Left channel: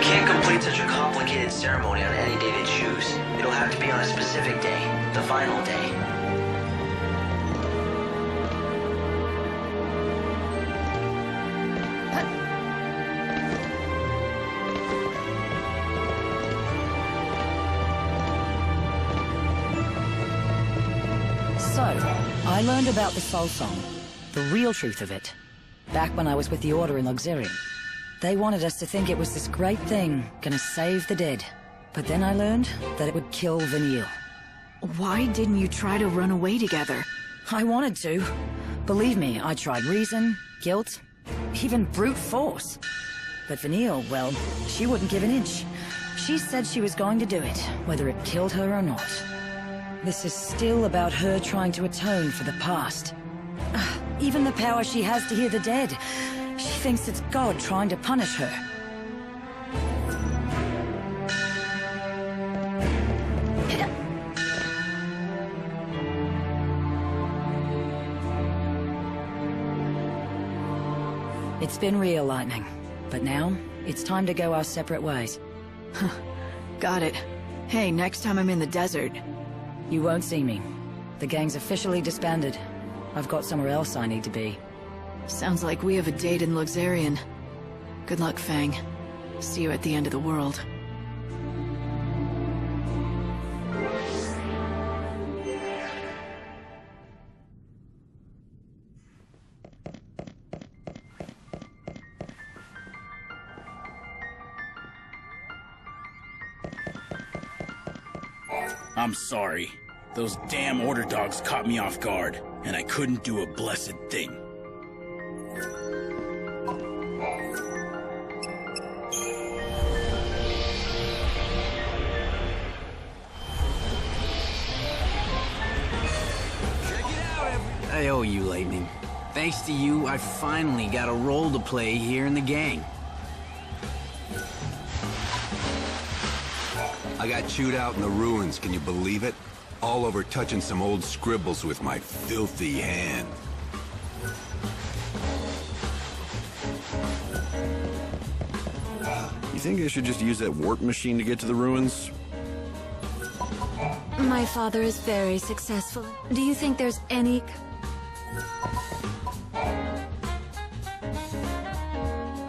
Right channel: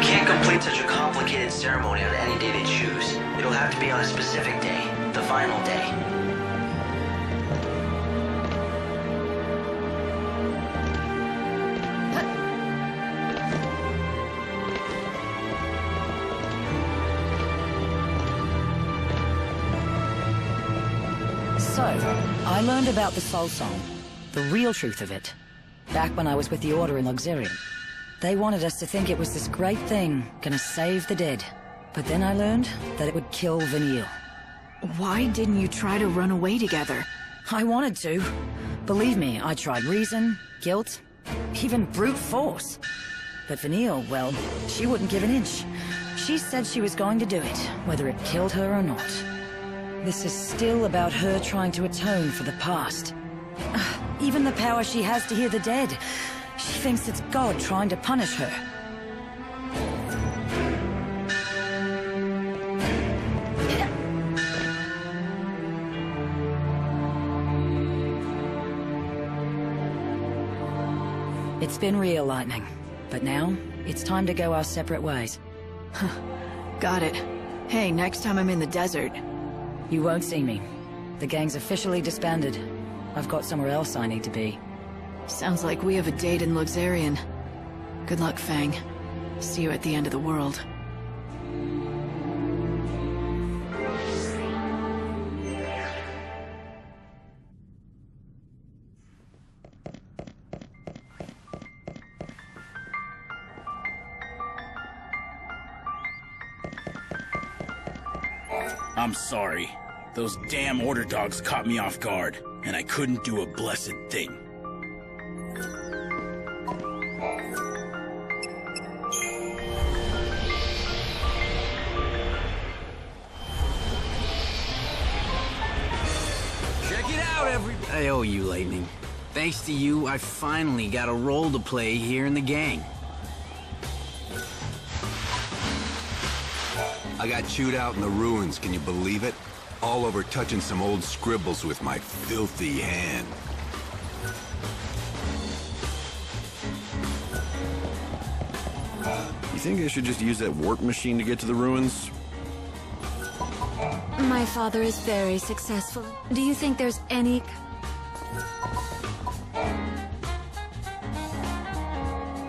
They can't complete such a complicated ceremony on any day they choose. It'll have to be on a specific day, the final day. So, I learned about the Soul Song, the real truth of it, back when I was with the Order in XIII. They wanted us to think it was this great thing, gonna save the dead. But then I learned that it would kill Vanille. Why didn't you try to run away together? I wanted to. Believe me, I tried reason, guilt, even brute force. But Vanille, well, she wouldn't give an inch. She said she was going to do it, whether it killed her or not. This is still about her trying to atone for the past. Even the power she has to hear the dead. She thinks it's God trying to punish her. It's been real, Lightning. But now, it's time to go our separate ways. Got it. Hey, next time I'm in the desert. You won't see me. The gang's officially disbanded. I've got somewhere else I need to be. Sounds like we have a date in Luxarian. Good luck, Fang. See you at the end of the world. I'm sorry. Those damn order dogs caught me off guard, and I couldn't do a blessed thing. Check it out, everybody. I owe you, Lightning. Thanks to you, I finally got a role to play here in the gang. I got chewed out in the ruins, can you believe it? All over touching some old scribbles with my filthy hand. You think I should just use that warp machine to get to the ruins? My father is very successful. Do you think there's any...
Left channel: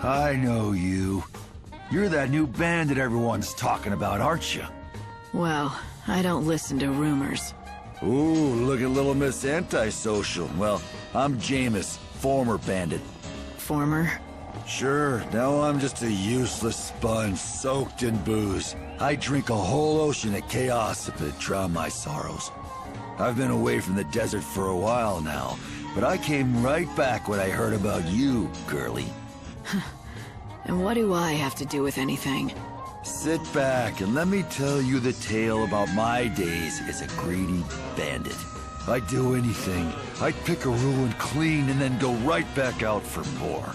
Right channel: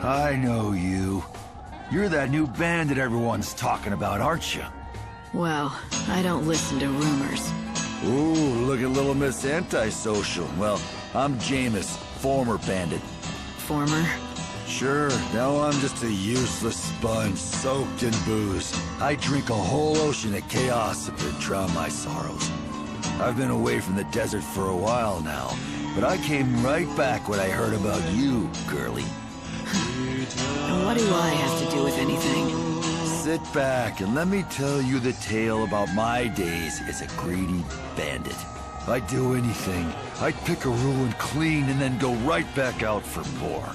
I know you. You're that new bandit everyone's talking about, aren't you? Well, I don't listen to rumors. Ooh, look at little Miss Antisocial. Well, I'm Jameis, former bandit. Former? Sure, now I'm just a useless sponge soaked in booze. I drink a whole ocean of chaos if it drown my sorrows. I've been away from the desert for a while now, but I came right back when I heard about you, girlie. And what do I have to do with anything? Sit back and let me tell you the tale about my days as a greedy bandit. I'd do anything. I'd pick a ruin clean and then go right back out for more.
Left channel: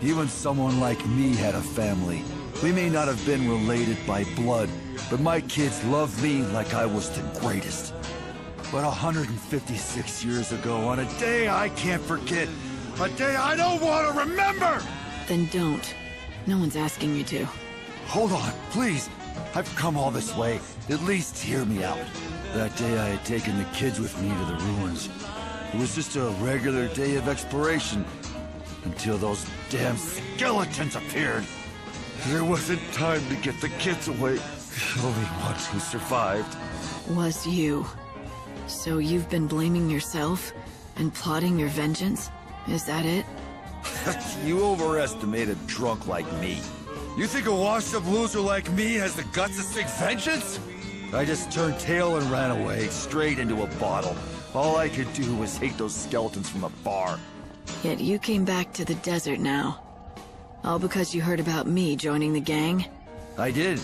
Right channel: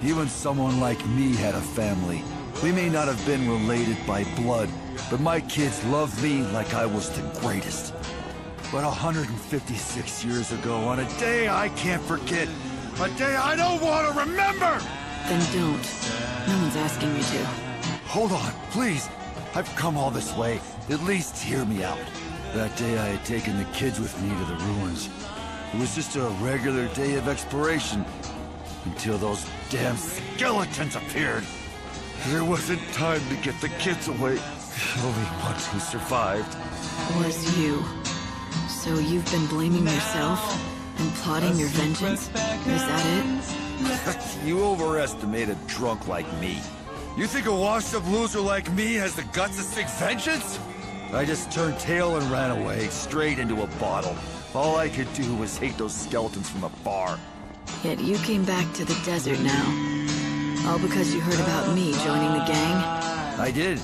Even someone like me had a family. We may not have been related by blood, but my kids loved me like I was the greatest. But 156 years ago, on a day I can't forget, a day I don't want to remember! Then don't. No one's asking you to. Hold on, please. I've come all this way. At least hear me out. That day I had taken the kids with me to the ruins. It was just a regular day of exploration. Until those damn skeletons appeared. There wasn't time to get the kids away. The only ones who survived Was you. So you've been blaming yourself? And plotting your vengeance? Is that it? You overestimate a drunk like me. You think a washed-up loser like me has the guts to seek vengeance? I just turned tail and ran away, straight into a bottle. All I could do was hate those skeletons from afar. Yet you came back to the desert now. All because you heard about me joining the gang? I did.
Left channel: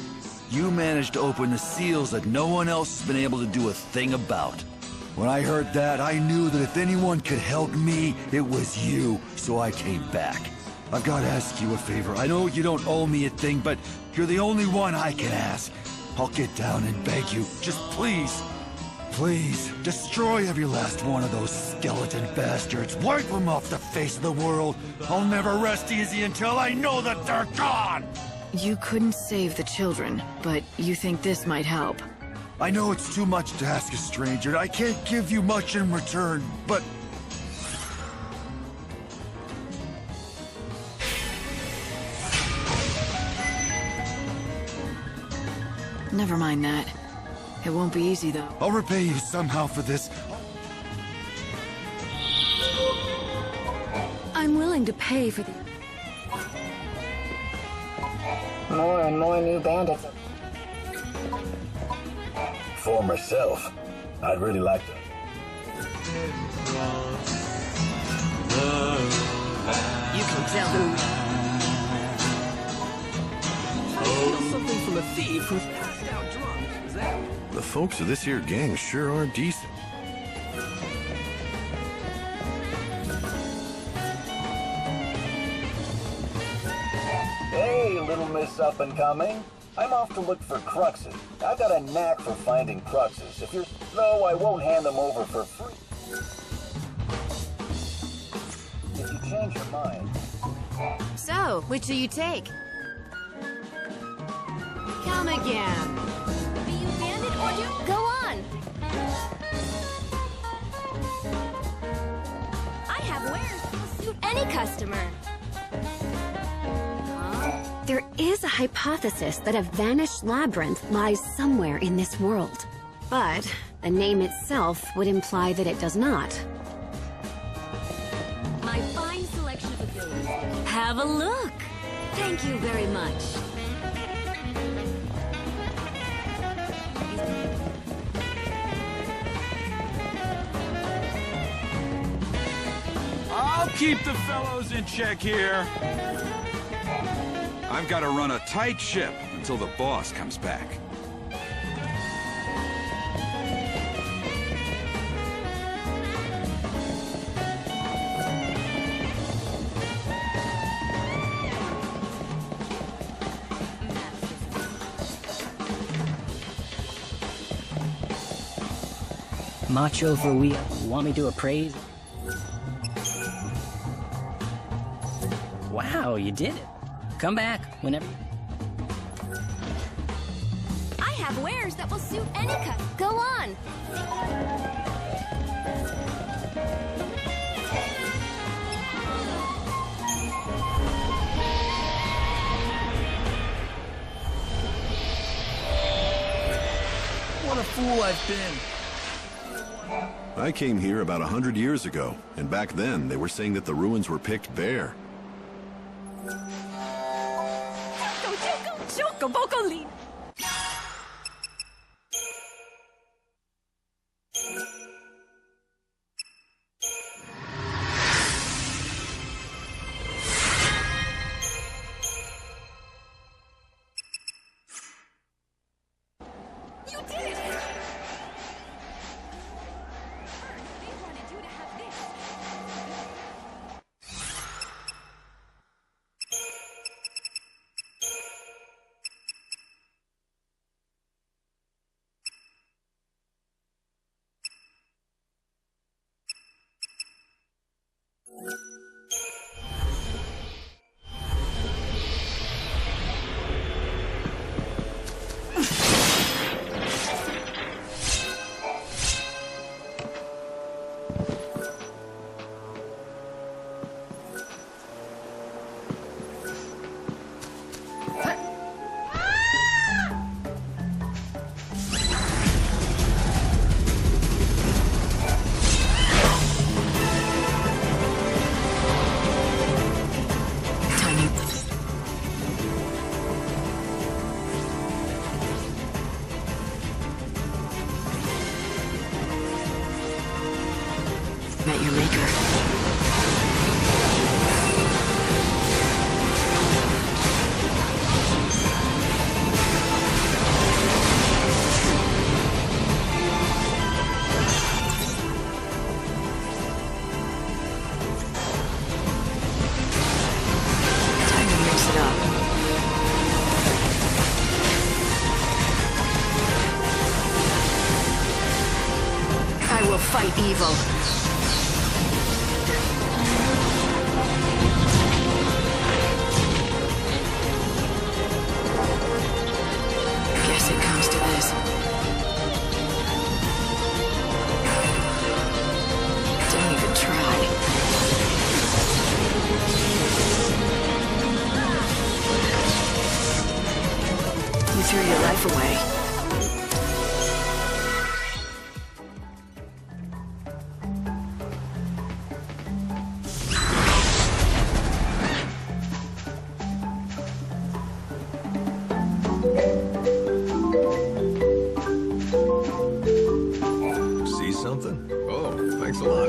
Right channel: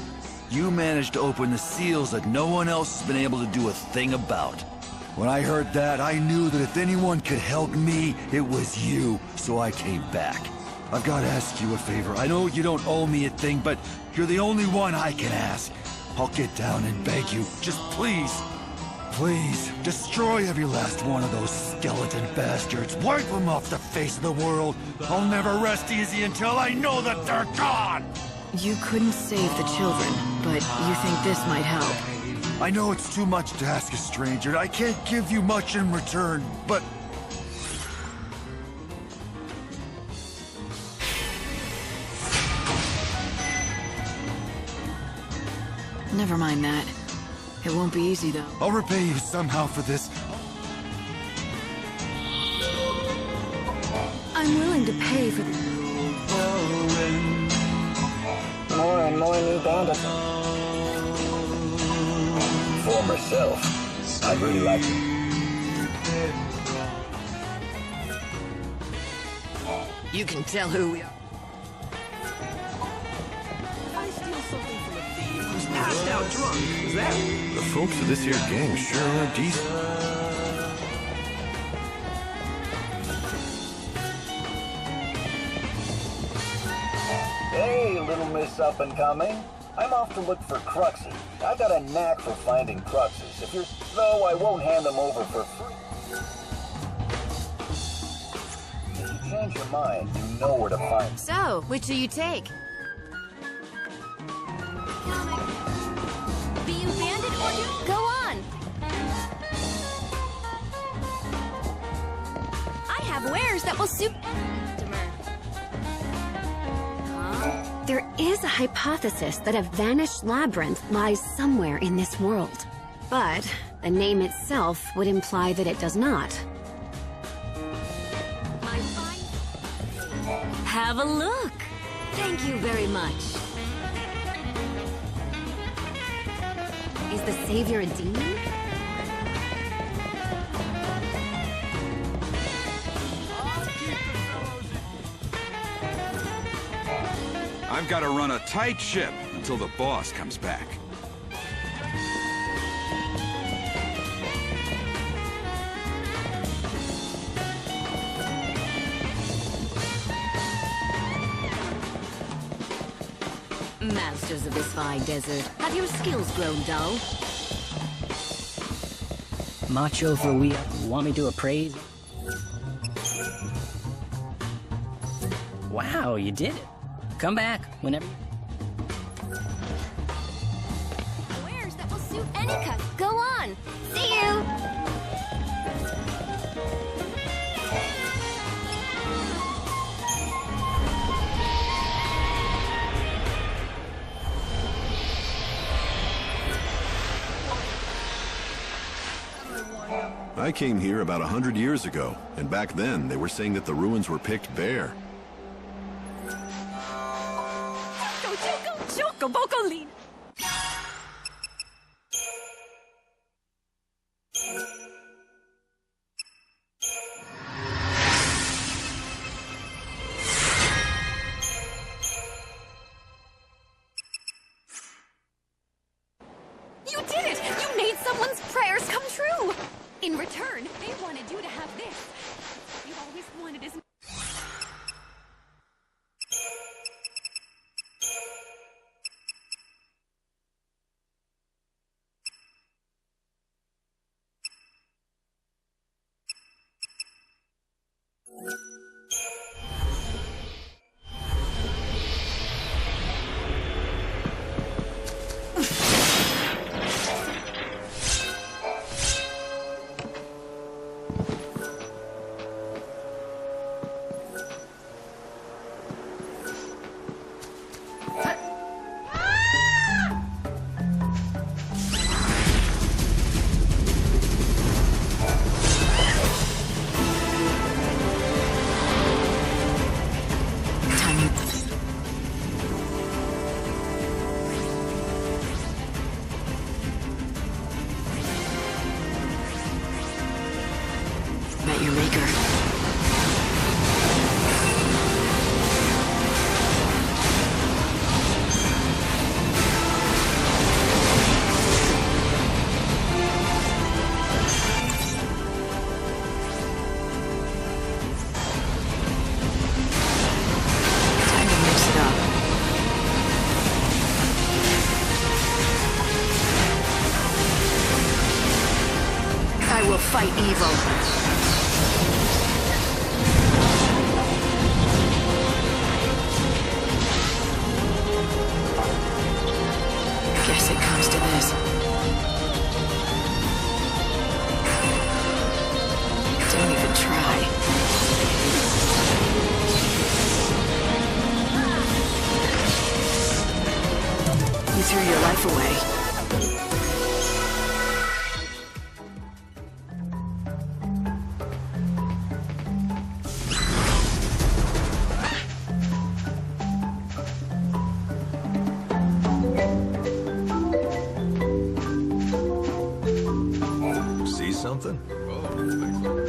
You managed to open the seals that no one else has been able to do a thing about. When I heard that, I knew that if anyone could help me, it was you, so I came back. I've got to ask you a favor. I know you don't owe me a thing, but you're the only one I can ask. I'll get down and beg you. Just please, please, destroy every last one of those skeleton bastards. Wipe them off the face of the world. I'll never rest easy until I know that they're gone. You couldn't save the children, but you think this might help. I know it's too much to ask a stranger, and I can't give you much in return, but... Never mind that. It won't be easy, though. I'll repay you somehow for this. I'm willing to pay for the... More and more new bandits. Former self. I'd really like to. You can tell who we are. I steal something from a thief who's passed out drunk. Is that? The folks of this here gang sure are decent. Hey, little miss up and coming. I'm off to look for cruxes. I've got a knack for finding cruxes. If you're slow, I won't hand them over for free. If you change your mind, you know where to find me. So, which do you take? Come again. Be you bandit or do... Go on! I have wares that will suit any customer. There is a hypothesis that a vanished labyrinth lies somewhere in this world. But the name itself would imply that it does not. My fine selection of goods. Have a look. Thank you very much. Is the savior a demon? I'll keep the fellows in check here. I've got to run a tight ship until the boss comes back. Masters of this high desert, have your skills grown dull? Macho for we want me to appraise? Wow, you did it. Come back whenever you... I have wares that will suit any cut. Go on. See you. What a fool I've been. I came here about 100 years ago, and back then they were saying that the ruins were picked bare. Choco Bocolin! You did it! You made someone's prayers come true! In return, they wanted you to have this. You always wanted as... Met your maker. Time to mix it up. I will fight evil. case it comes to this. Don't even try. You threw your life away. See something? Oh, thanks a lot.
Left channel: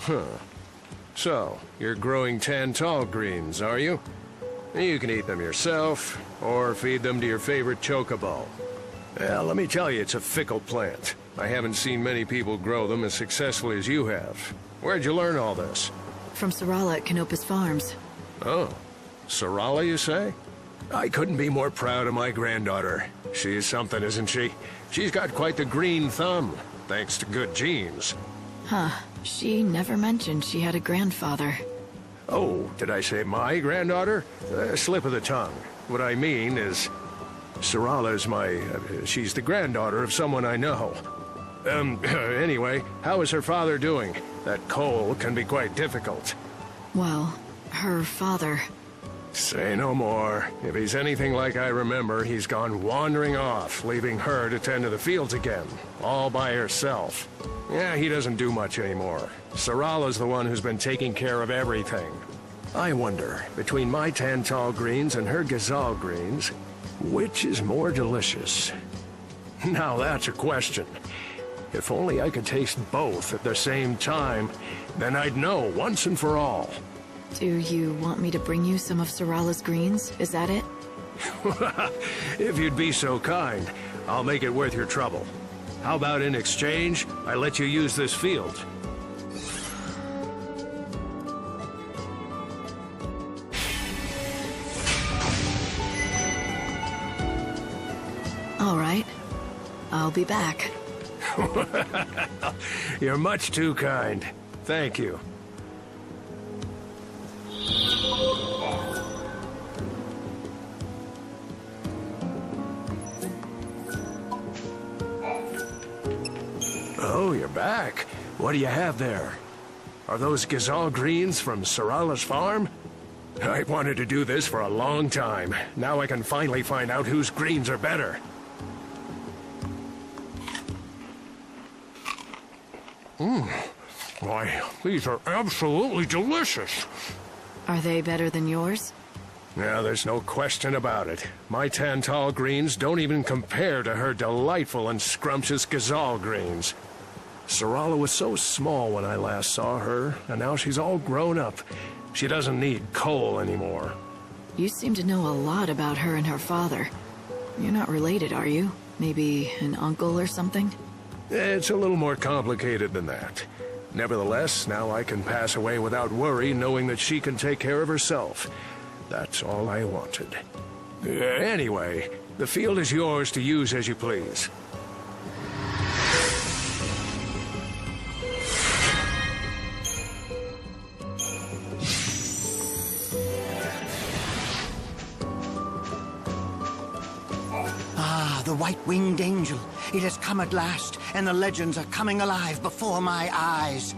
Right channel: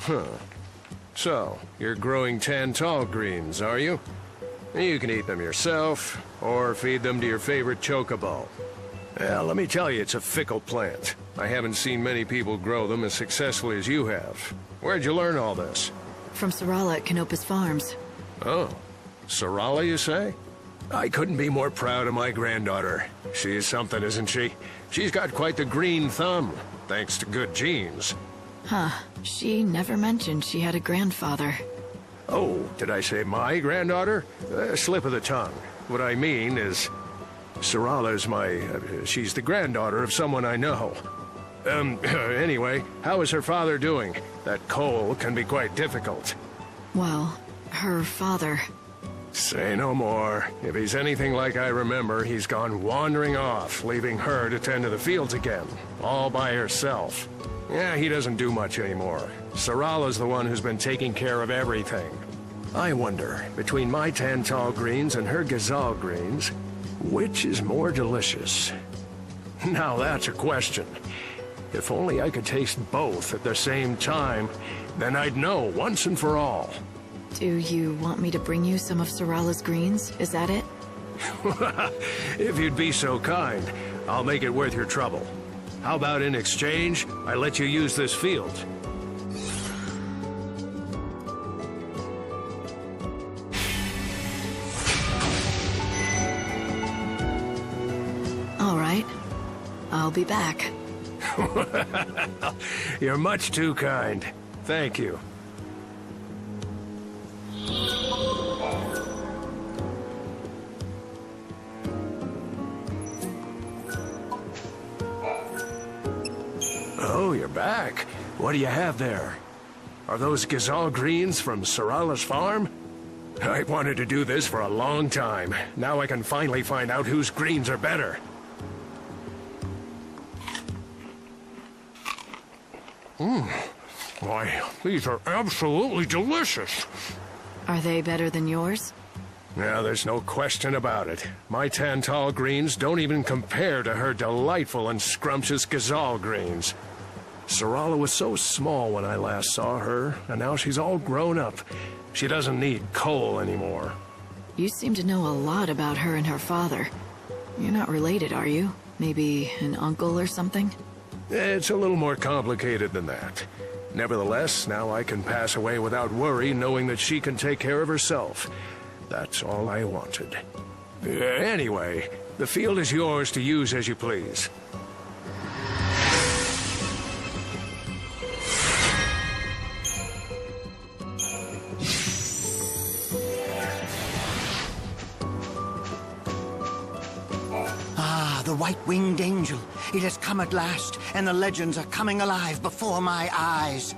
Huh. So, you're growing Tantal greens, are you? You can eat them yourself, or feed them to your favorite chocobo. Well, let me tell you, it's a fickle plant. I haven't seen many people grow them as successfully as you have. Where'd you learn all this? From Sarala at Canopus Farms. Oh. Sarala, you say? I couldn't be more proud of my granddaughter. She's something, isn't she? She's got quite the green thumb, thanks to good genes. Huh. She never mentioned she had a grandfather. Oh, did I say my granddaughter? Slip of the tongue. What I mean is, Sarala's she's the granddaughter of someone I know. Anyway, how is her father doing? That Cole can be quite difficult. Well, her father... Say no more. If he's anything like I remember, he's gone wandering off, leaving her to tend to the fields again, all by herself. Yeah, he doesn't do much anymore. Sarala's the one who's been taking care of everything. I wonder, between my Tantal greens and her Gazal greens, which is more delicious? Now that's a question. If only I could taste both at the same time, then I'd know once and for all. Do you want me to bring you some of Sarala's greens? Is that it? If you'd be so kind, I'll make it worth your trouble. How about in exchange, I let you use this field? All right. I'll be back. You're much too kind. Thank you. Oh, you're back. What do you have there? Are those Gazal greens from Sarala's farm? I wanted to do this for a long time. Now I can finally find out whose greens are better. Why, these are absolutely delicious. Are they better than yours? Yeah, there's no question about it. My Tantal greens don't even compare to her delightful and scrumptious Gazal greens. Sarala was so small when I last saw her, and now she's all grown up. She doesn't need Cole anymore. You seem to know a lot about her and her father. You're not related, are you? Maybe an uncle or something? It's a little more complicated than that. Nevertheless, now I can pass away without worry, knowing that she can take care of herself. That's all I wanted. Anyway, the field is yours to use as you please. Ah, the white-winged angel. It has come at last, and the legends are coming alive before my eyes.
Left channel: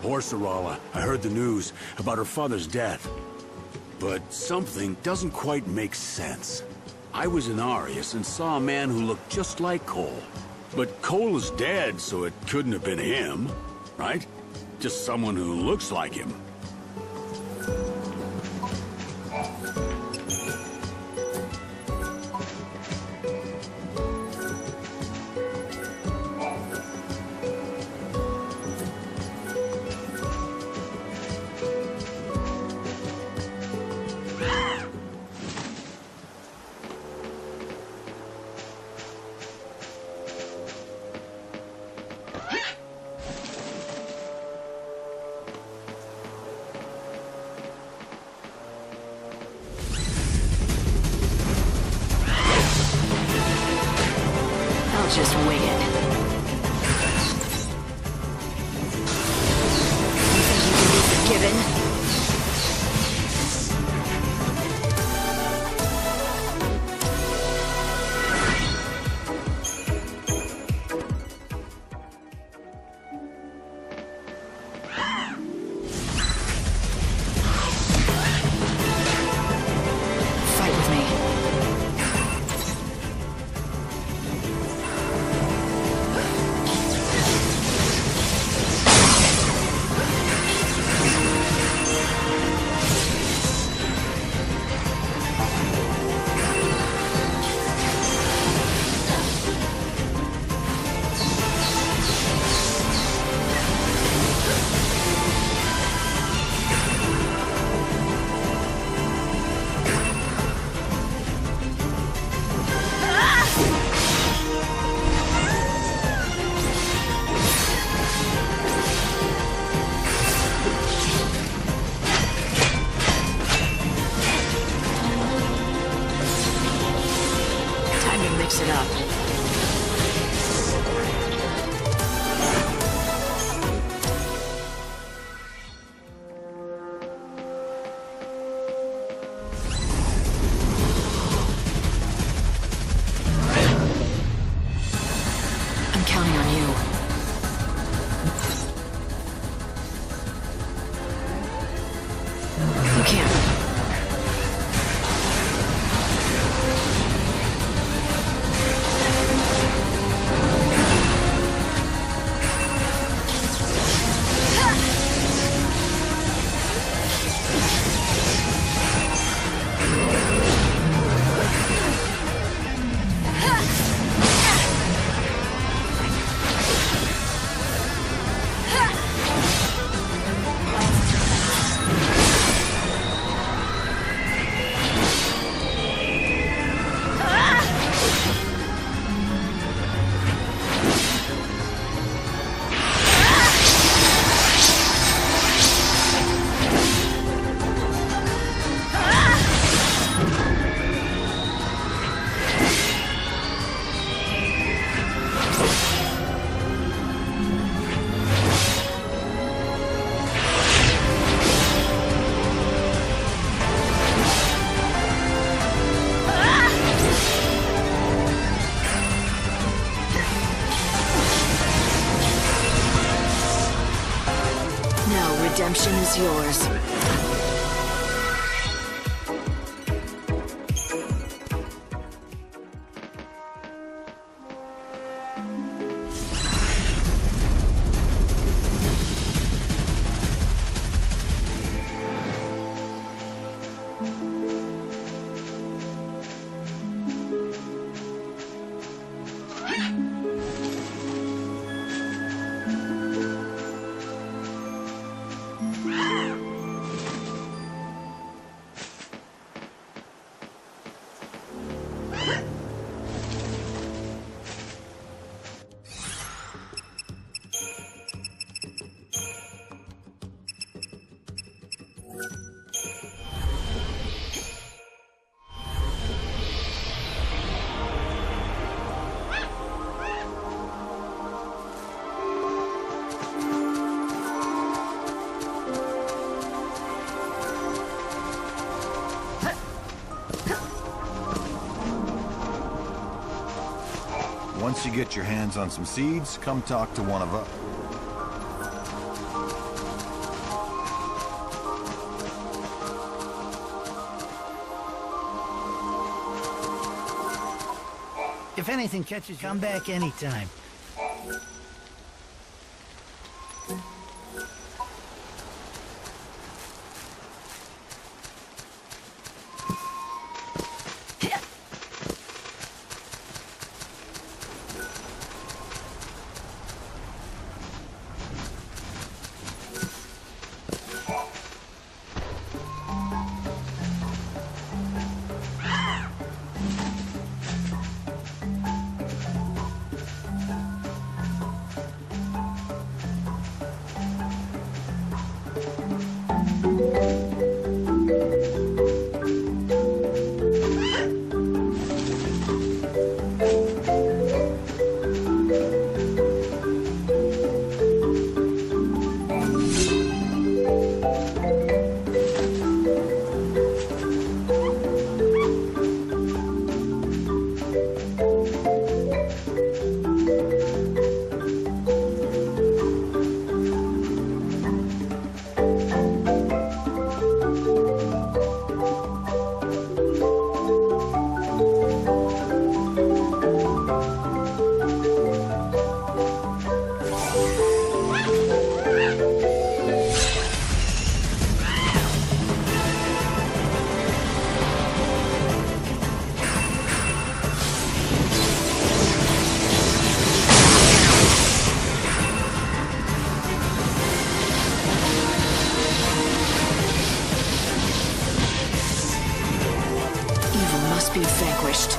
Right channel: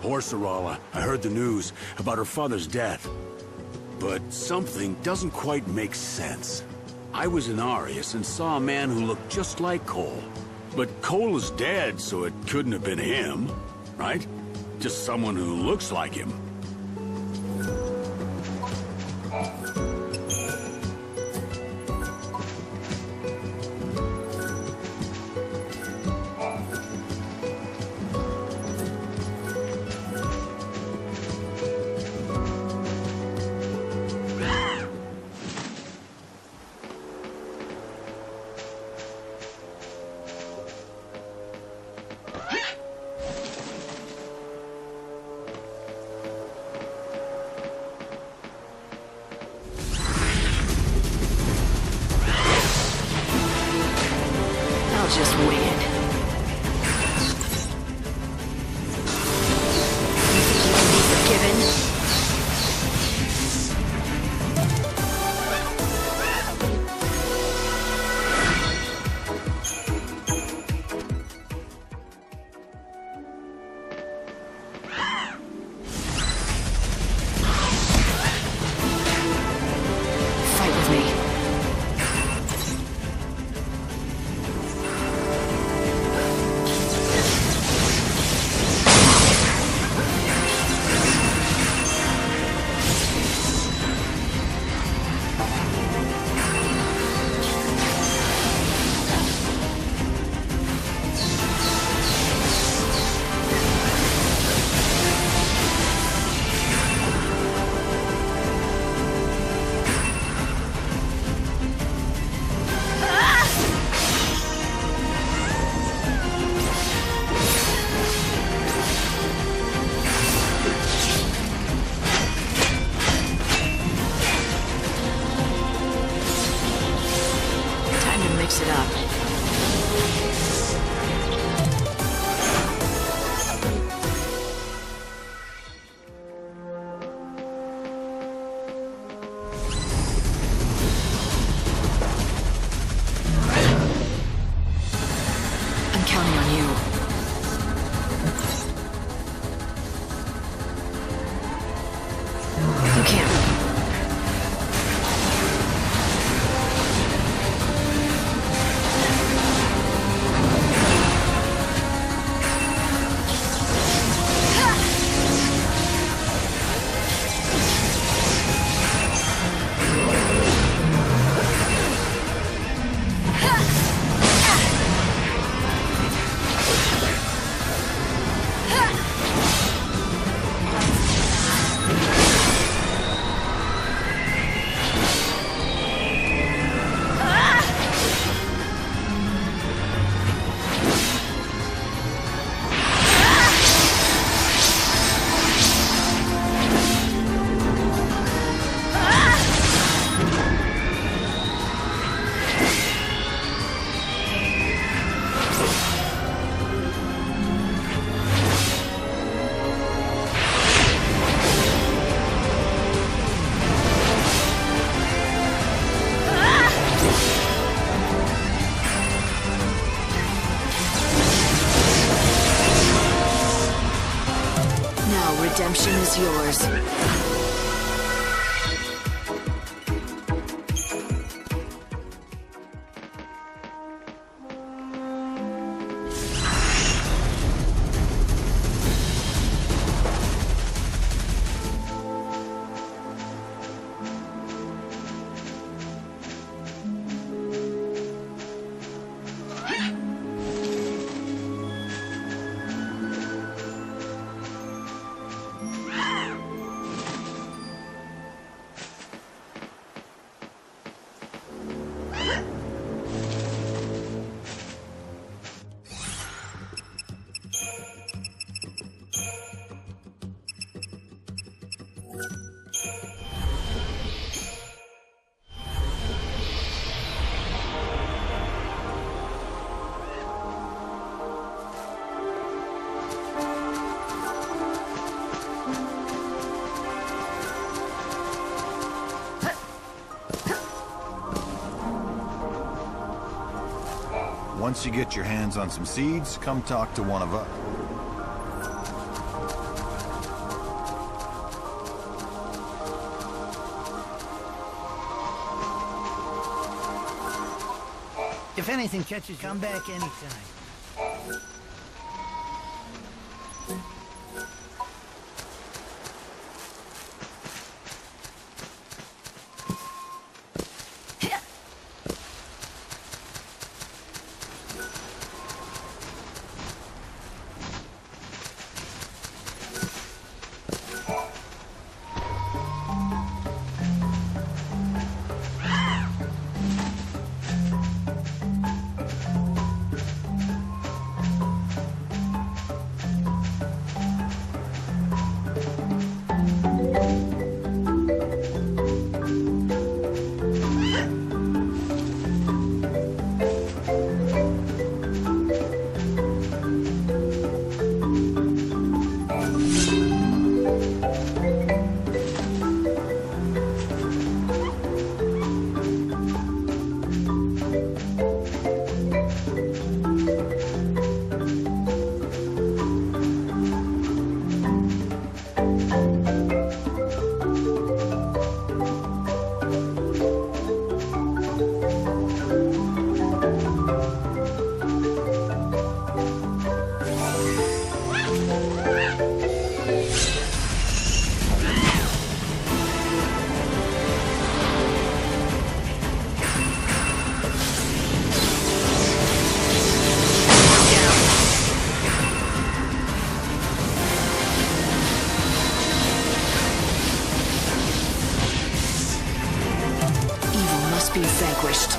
Poor Sarala. I heard the news about her father's death. But something doesn't quite make sense. I was in Arius and saw a man who looked just like Cole. But Cole is dead, so it couldn't have been him, right? Just someone who looks like him. just wing it. You think you can be forgiven? Fight with me. Time to mix it up. I'm counting on you. You can't. Now redemption is yours. Once you get your hands on some seeds, come talk to one of us. If anything catches you, come back anytime. must be vanquished.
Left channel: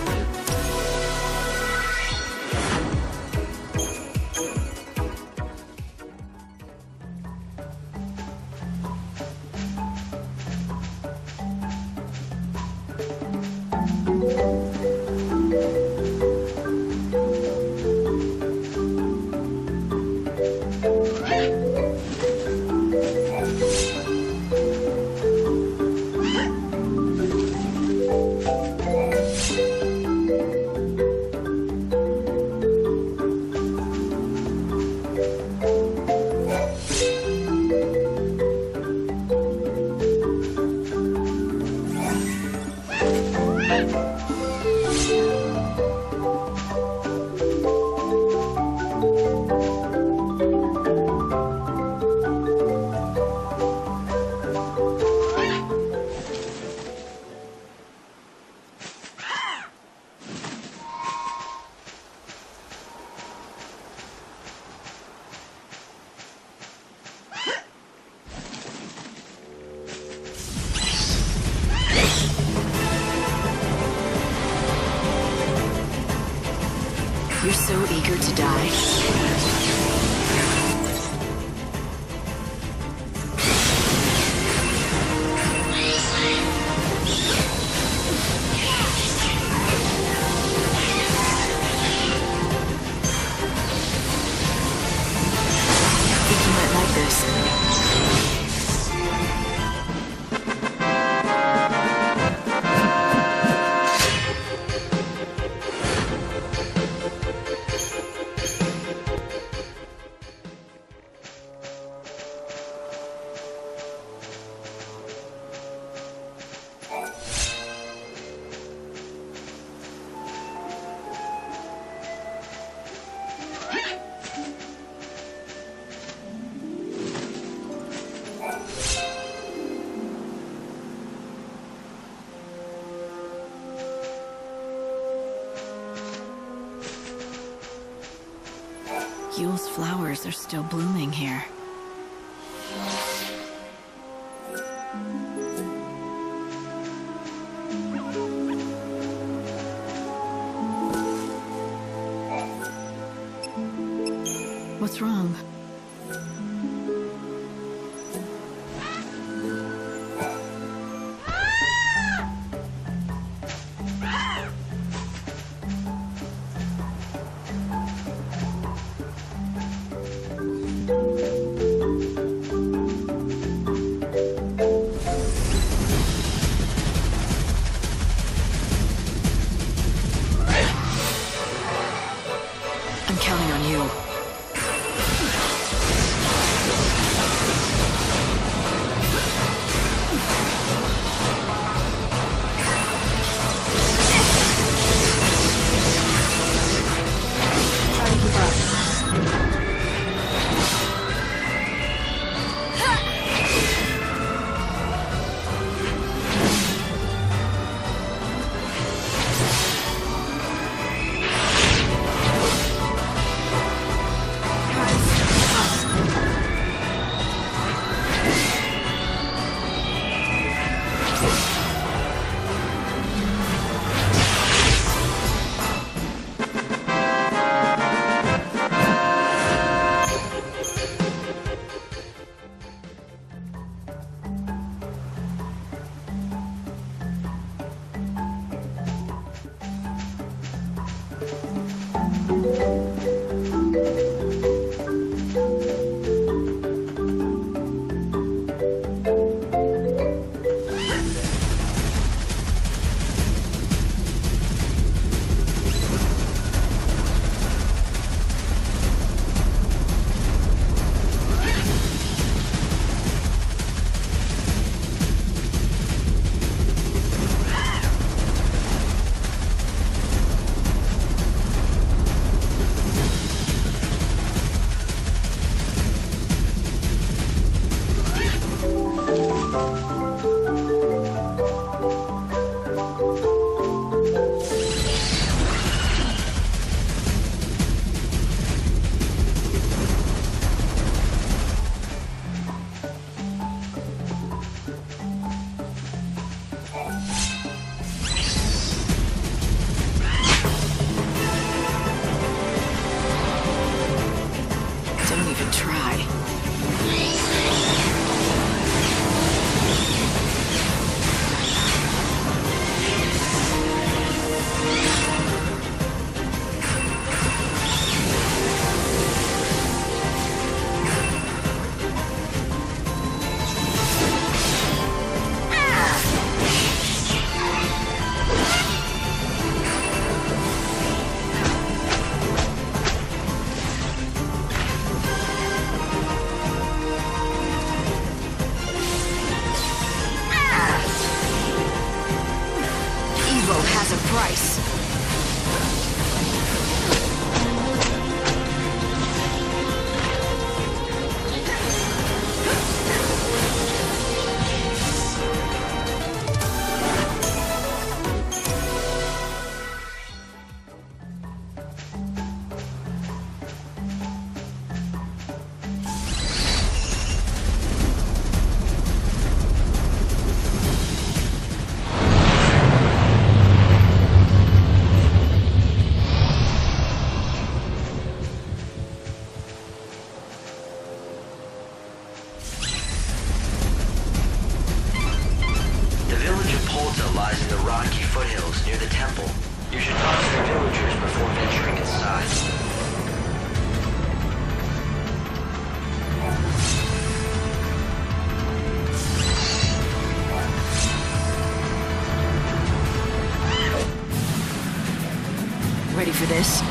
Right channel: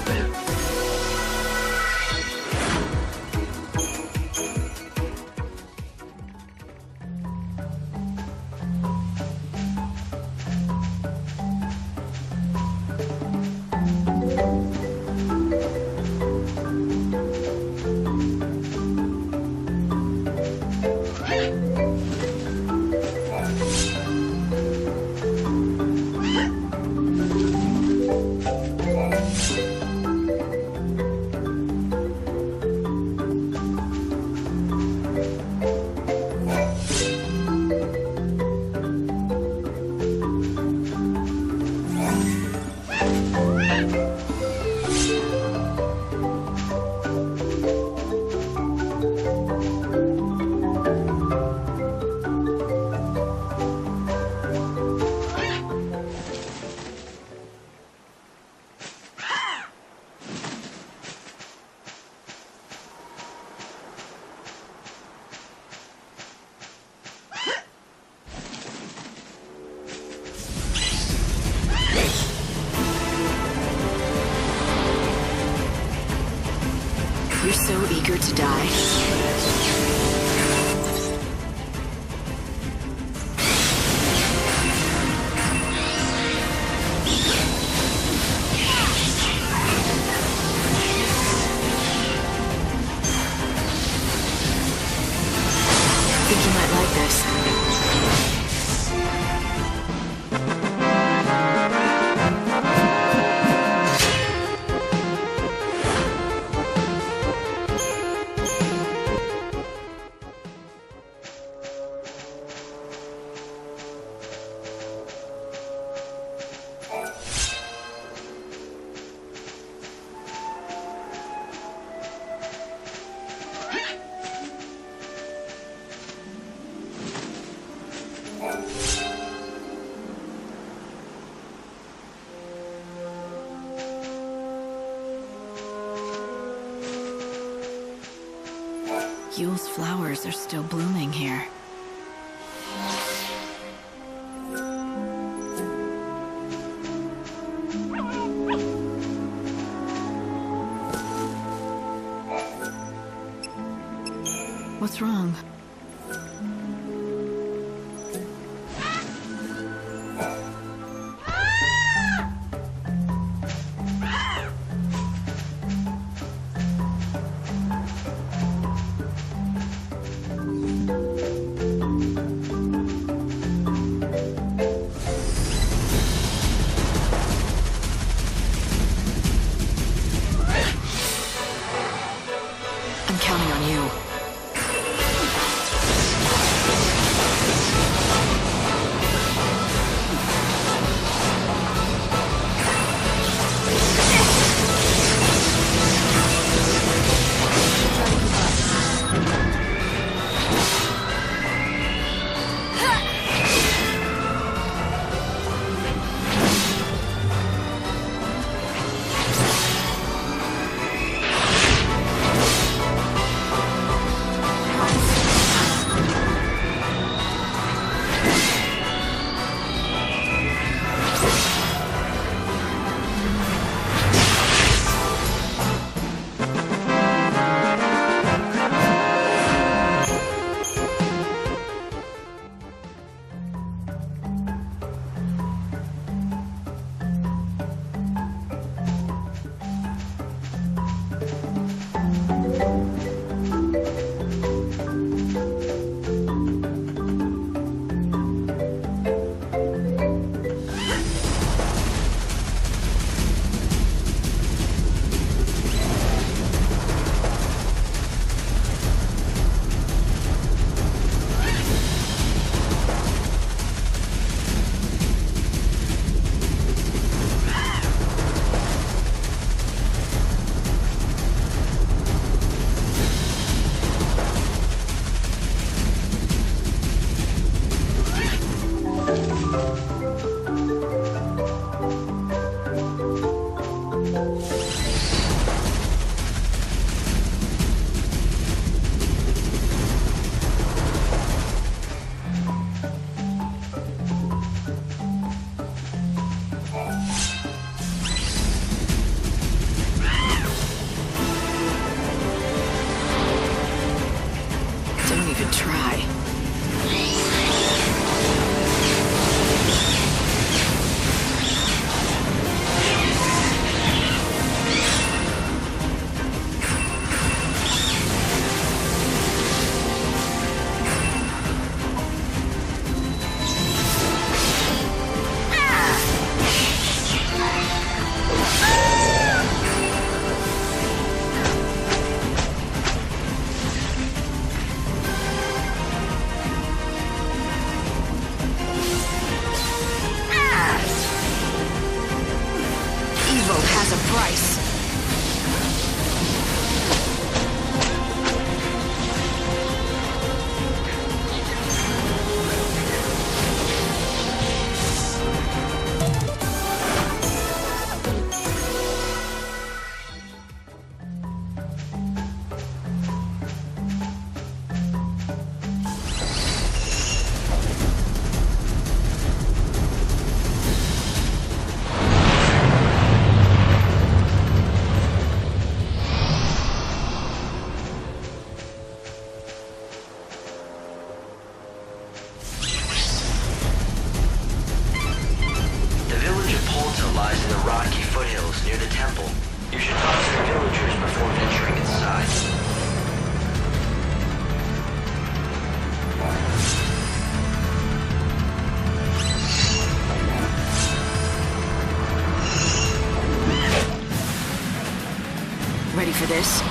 You're so eager to die. Think you might like this. Yule's flowers are still blooming here. What's wrong? I'm counting on you. has a price. Lies in the rocky foothills near the temple. You should talk to the villagers before venturing inside. Ready for this?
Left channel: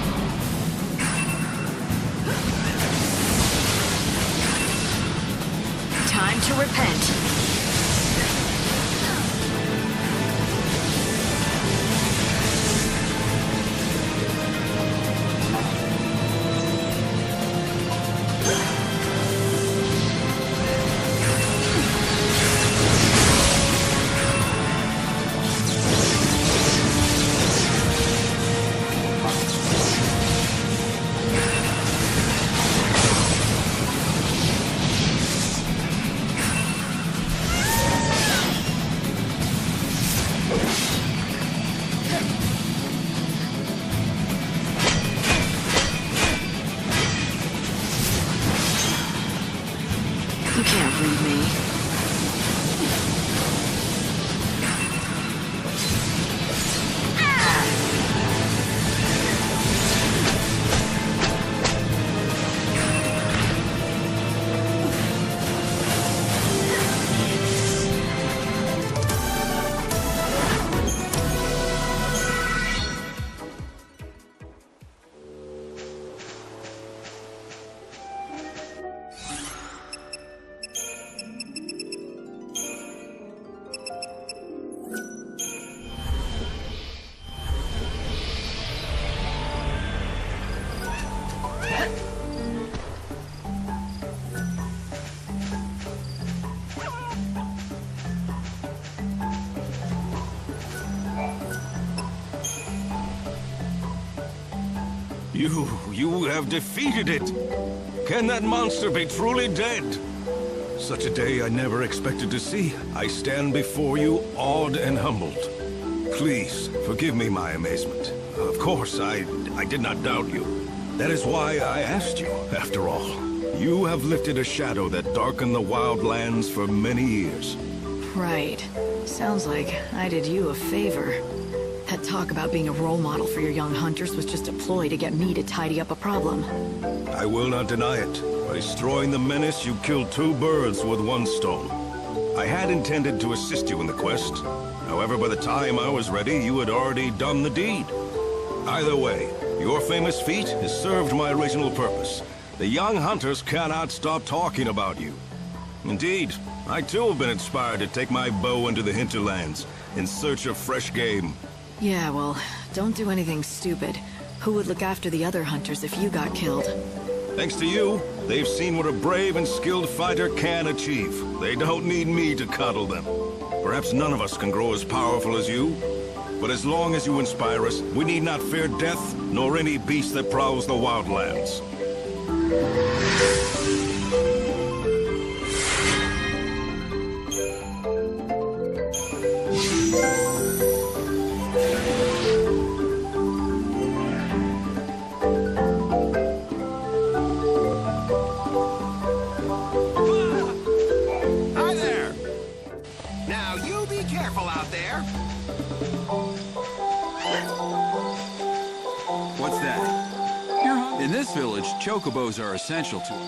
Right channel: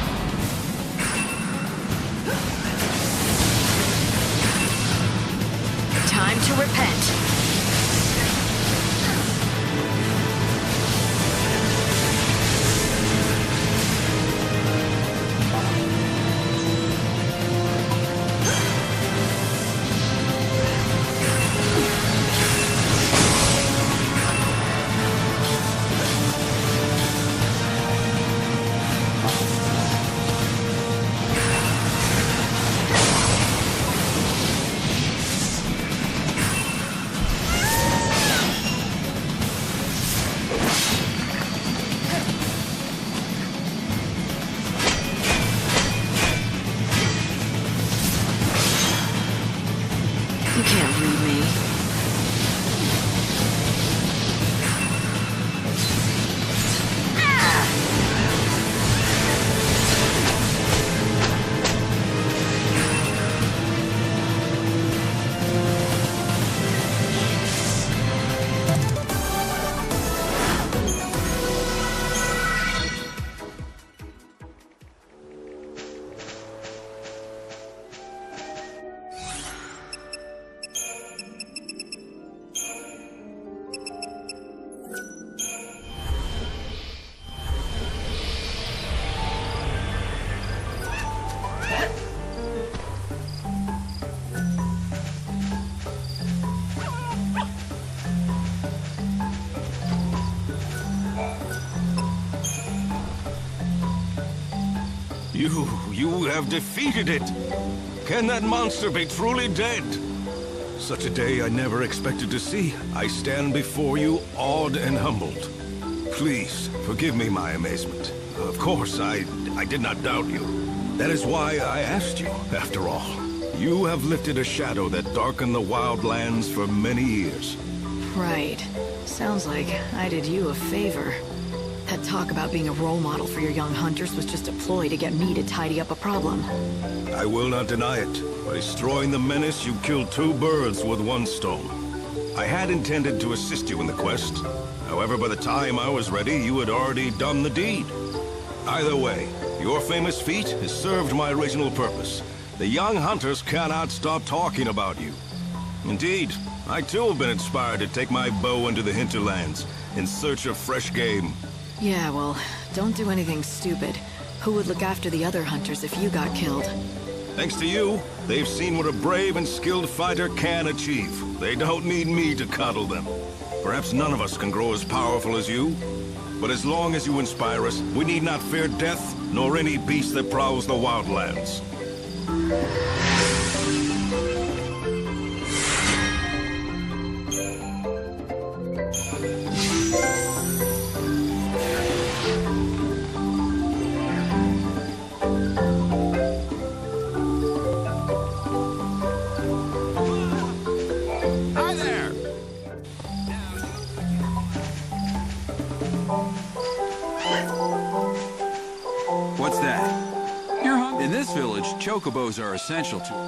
Time to repent. You can't read me. You have defeated it! Can that monster be truly dead? Such a day I never expected to see. I stand before you awed and humbled. Please, forgive me my amazement. Of course, I did not doubt you. That is why I asked you, after all. You have lifted a shadow that darkened the wild lands for many years. Right. Sounds like I did you a favor. That talk about being a role model for your young hunters was just a ploy to get me to tidy up a problem. I will not deny it. By destroying the menace, you killed 2 birds with 1 stone. I had intended to assist you in the quest. However, by the time I was ready, you had already done the deed. Either way, your famous feat has served my original purpose. The young hunters cannot stop talking about you. Indeed, I too have been inspired to take my bow into the hinterlands in search of fresh game. Yeah, well, don't do anything stupid. Who would look after the other hunters if you got killed? Thanks to you, they've seen what a brave and skilled fighter can achieve. They don't need me to coddle them. Perhaps none of us can grow as powerful as you. But as long as you inspire us, we need not fear death, nor any beast that prowls the wildlands. What's that? You're hungry. In this village, chocobos are essential to it.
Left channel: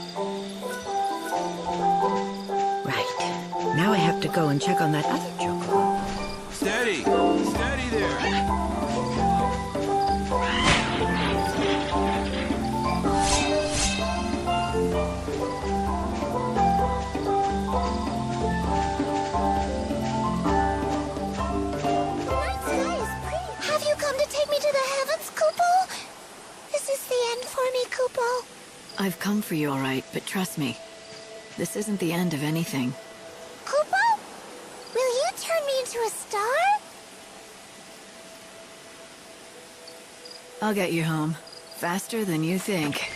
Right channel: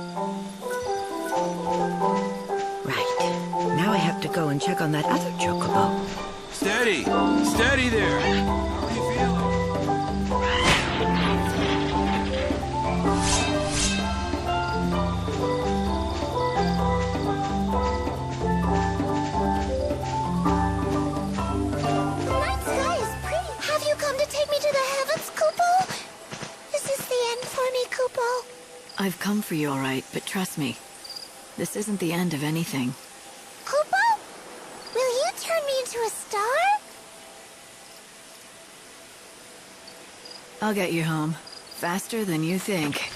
Right. Now I have to go and check on that other chocobo. Steady! Steady there! How are you feeling? The night sky is pretty I've come for you, all right, but trust me, this isn't the end of anything. Kupo? Will you turn me into a star? I'll get you home. Faster than you think.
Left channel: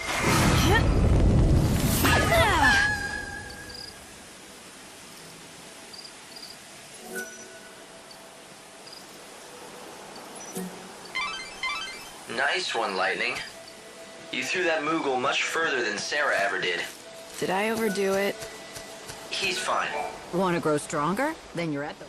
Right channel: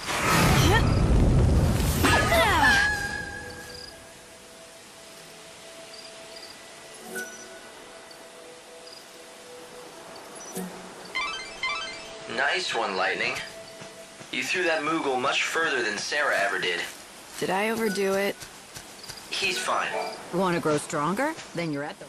Nice one, Lightning. You threw that Moogle much further than Sarah ever did. Did I overdo it? He's fine. Want to grow stronger? Then you're at the...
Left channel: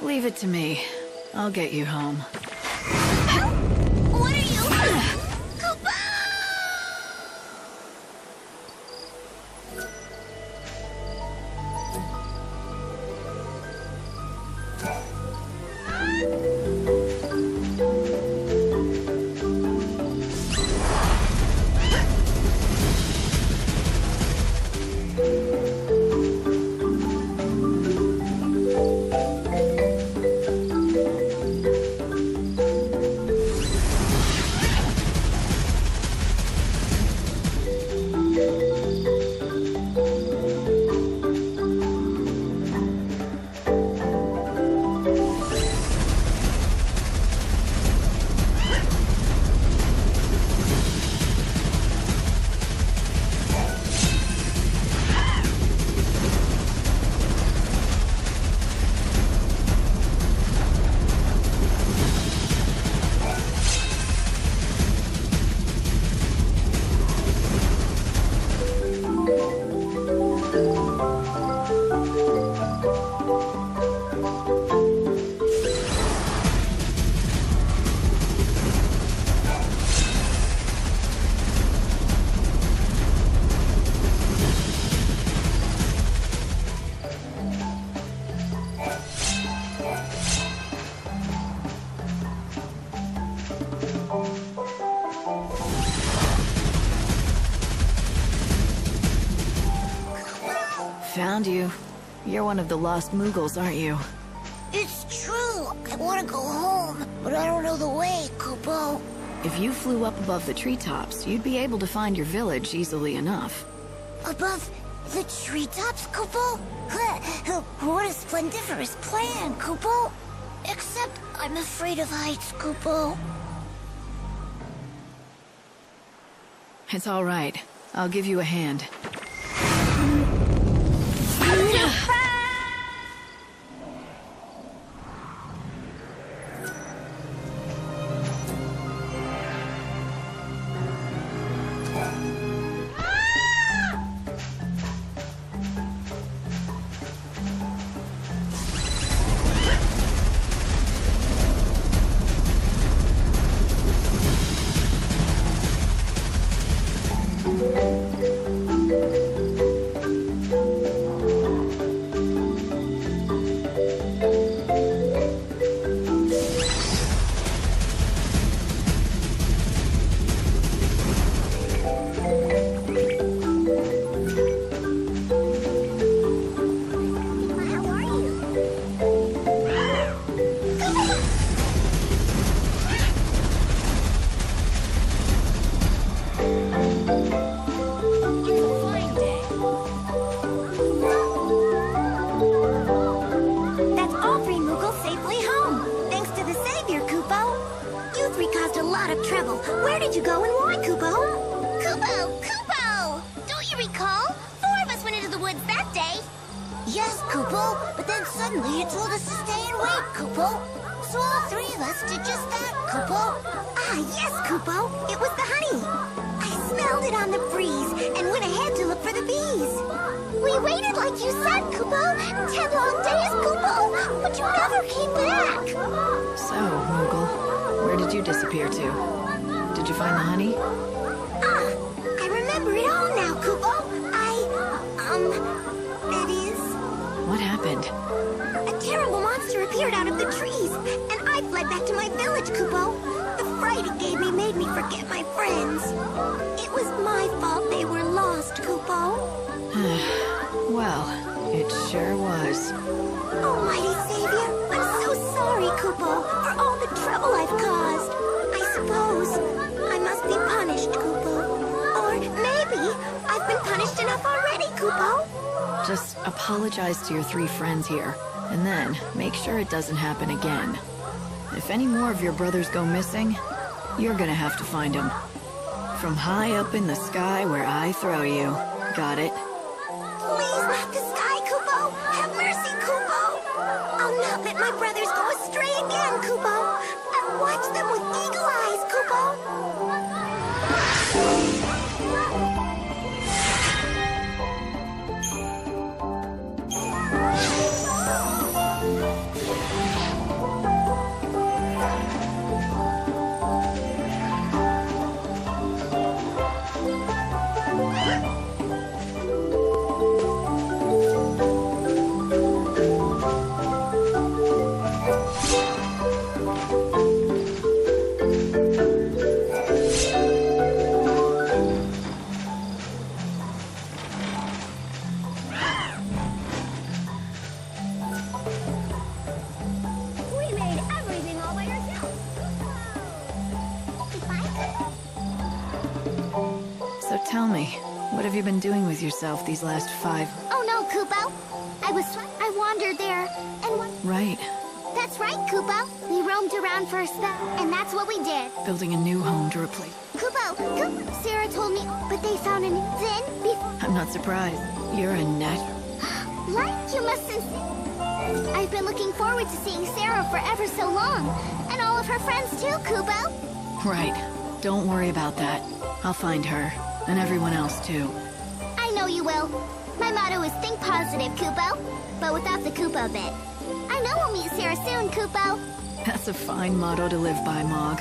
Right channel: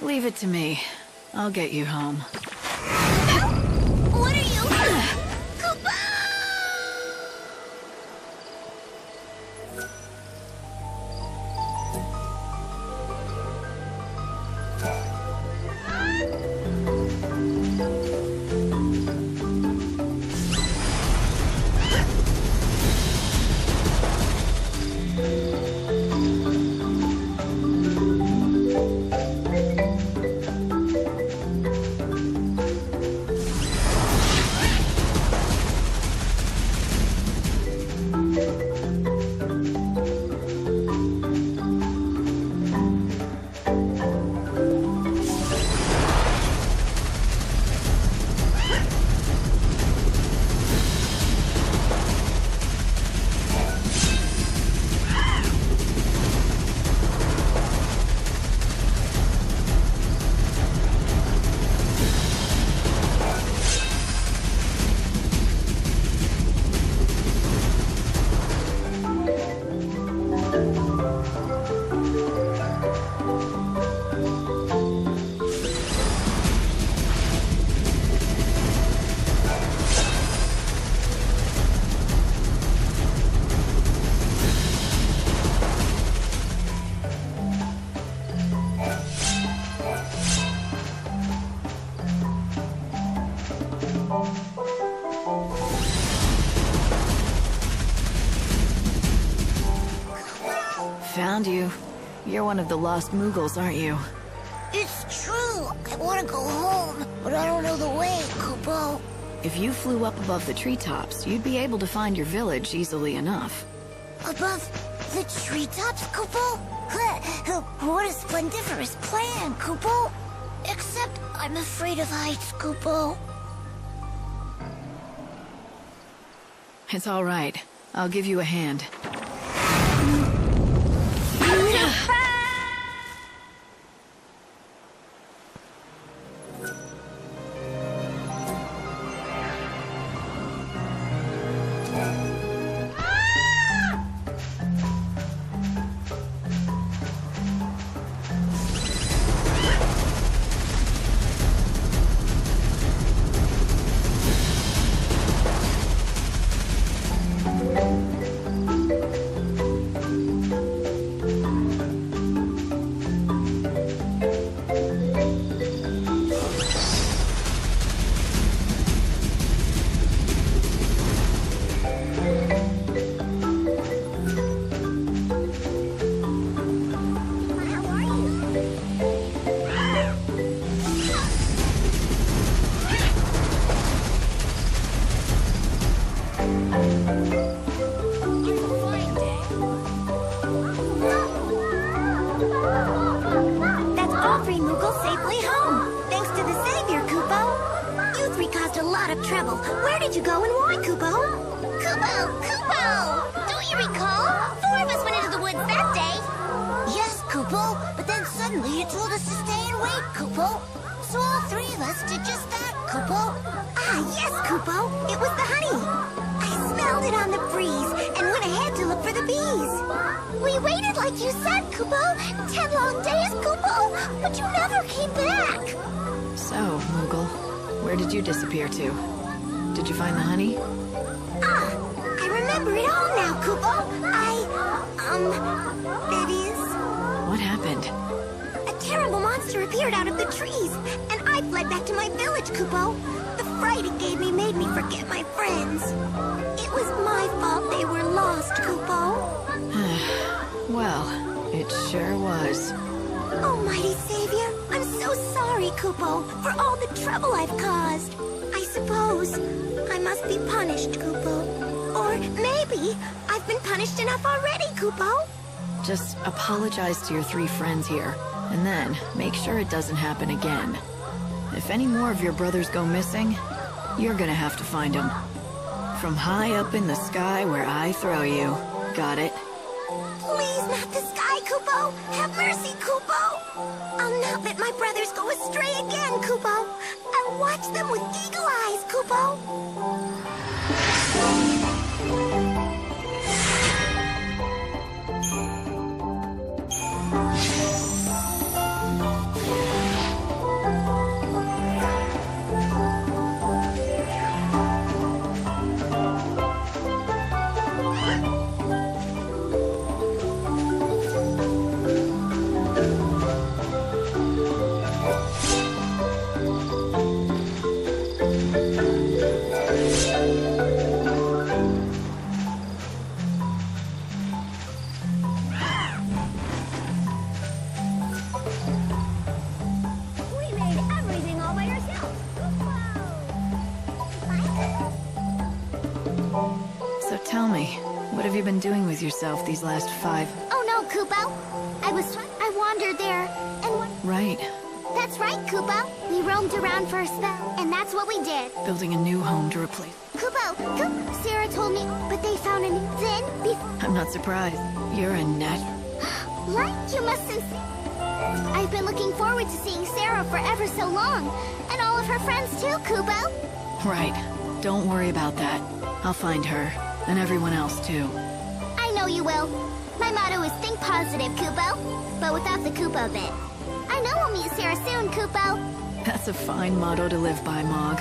Leave it to me. I'll get you home. What are you? Kupo! Found you. You're one of the lost Moogles, aren't you? It's true. I want to go home, but I don't know the way, Kupo. If you flew up above the treetops, you'd be able to find your village easily enough. Above the treetops, Kupo? What a splendiferous plan, Kupo. Except I'm afraid of heights, Kupo. It's all right. I'll give you a hand. a lot of trouble. Where did you go and why, Kupo? Kupo! Don't you recall? 4 of us went into the woods that day. Yes, Kupo, but then suddenly you told us to stay and wait, Kupo. So all 3 of us did just that, Kupo. Ah, yes, Kupo. It was the honey. I smelled it on the breeze and went ahead to look for the bees. We waited like you said, Kupo. 10 long days, Kupo, but you never came back. So, Moogle, where did you disappear to? Did you find the honey? Ah, I remember it all now, Kupo. That is... What happened? A terrible monster appeared out of the trees, and I fled back to my village, Kupo. The fright it gave me made me forget my friends. It was my fault they were lost, Kupo. Well, it sure was. Almighty Savior, I'm so sorry, Kupo, for all the trouble I've caused. I suppose I must be punished, Kupo. Or maybe I've been punished enough already, Kupo. Just apologize to your 3 friends here, and then make sure it doesn't happen again. If any more of your brothers go missing, you're gonna have to find them. From high up in the sky where I throw you. Got it? Please, not the sky, Kupo! Have mercy, Kupo! I'll not let my brothers go astray again, Kupo! I'll watch them with eagle eyes, Kupo! Tell me, what have you been doing with yourself these last 5... Oh no, Kupo! I wandered there, and Right. That's right, Kupo! We roamed around for a spell, and that's what we did. Building a new home to replace... Kupo! Sarah told me, but they found a new Zen before... I'm not surprised. You're a natural... Like you mustn't see. I've been looking forward to seeing Sarah for ever so long, and all of her friends too, Kupo! Right. Don't worry about that. I'll find her. And everyone else, too. I know you will. My motto is think positive, Kupo. But without the Kupo bit. I know we'll meet Sarah soon, Kupo. That's a fine motto to live by, Mog.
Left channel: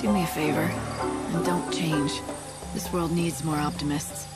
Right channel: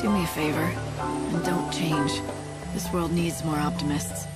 Do me a favor, and don't change. This world needs more optimists.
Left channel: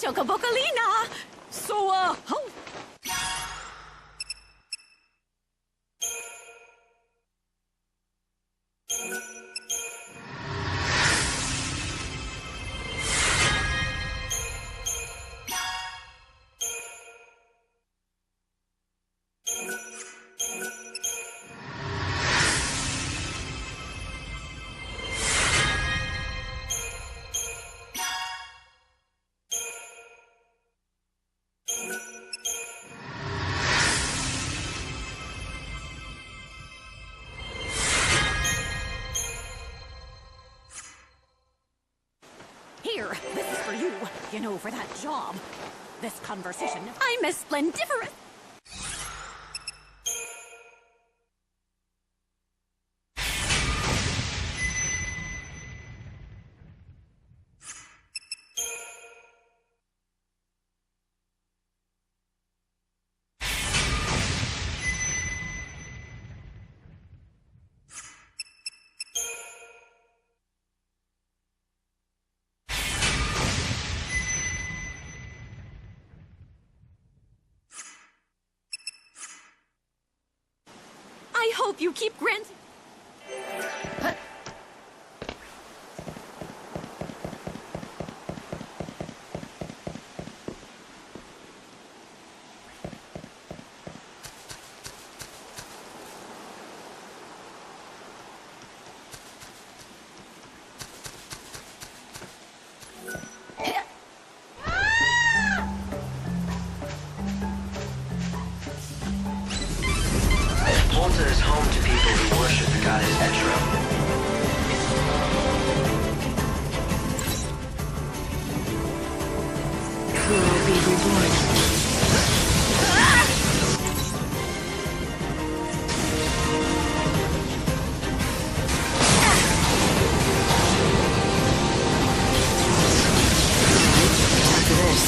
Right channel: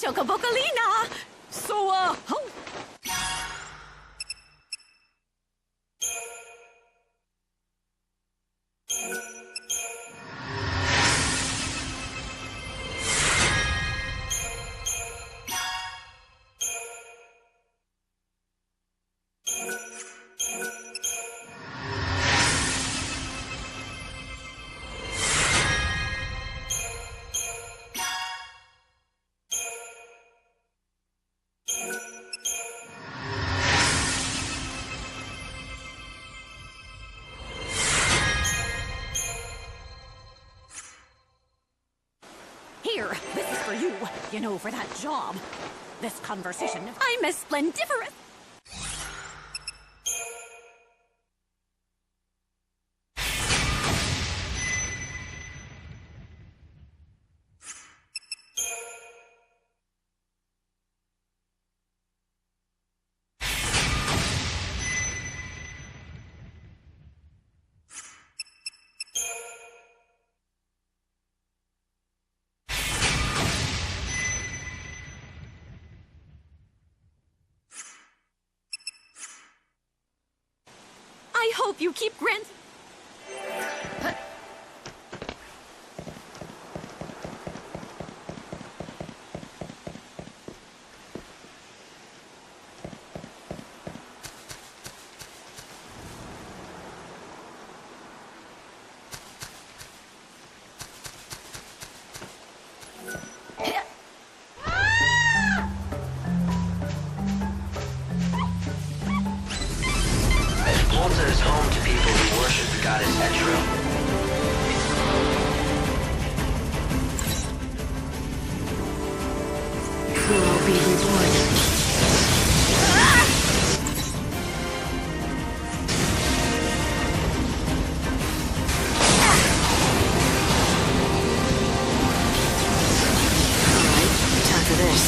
Chocobocolina! So, Here, this is for you. You know, for that job. This conversation, I'm as splendiferous. I hope you keep granting. Malta is home to people who worship the goddess Etro. We'll all be reborn. Time for this.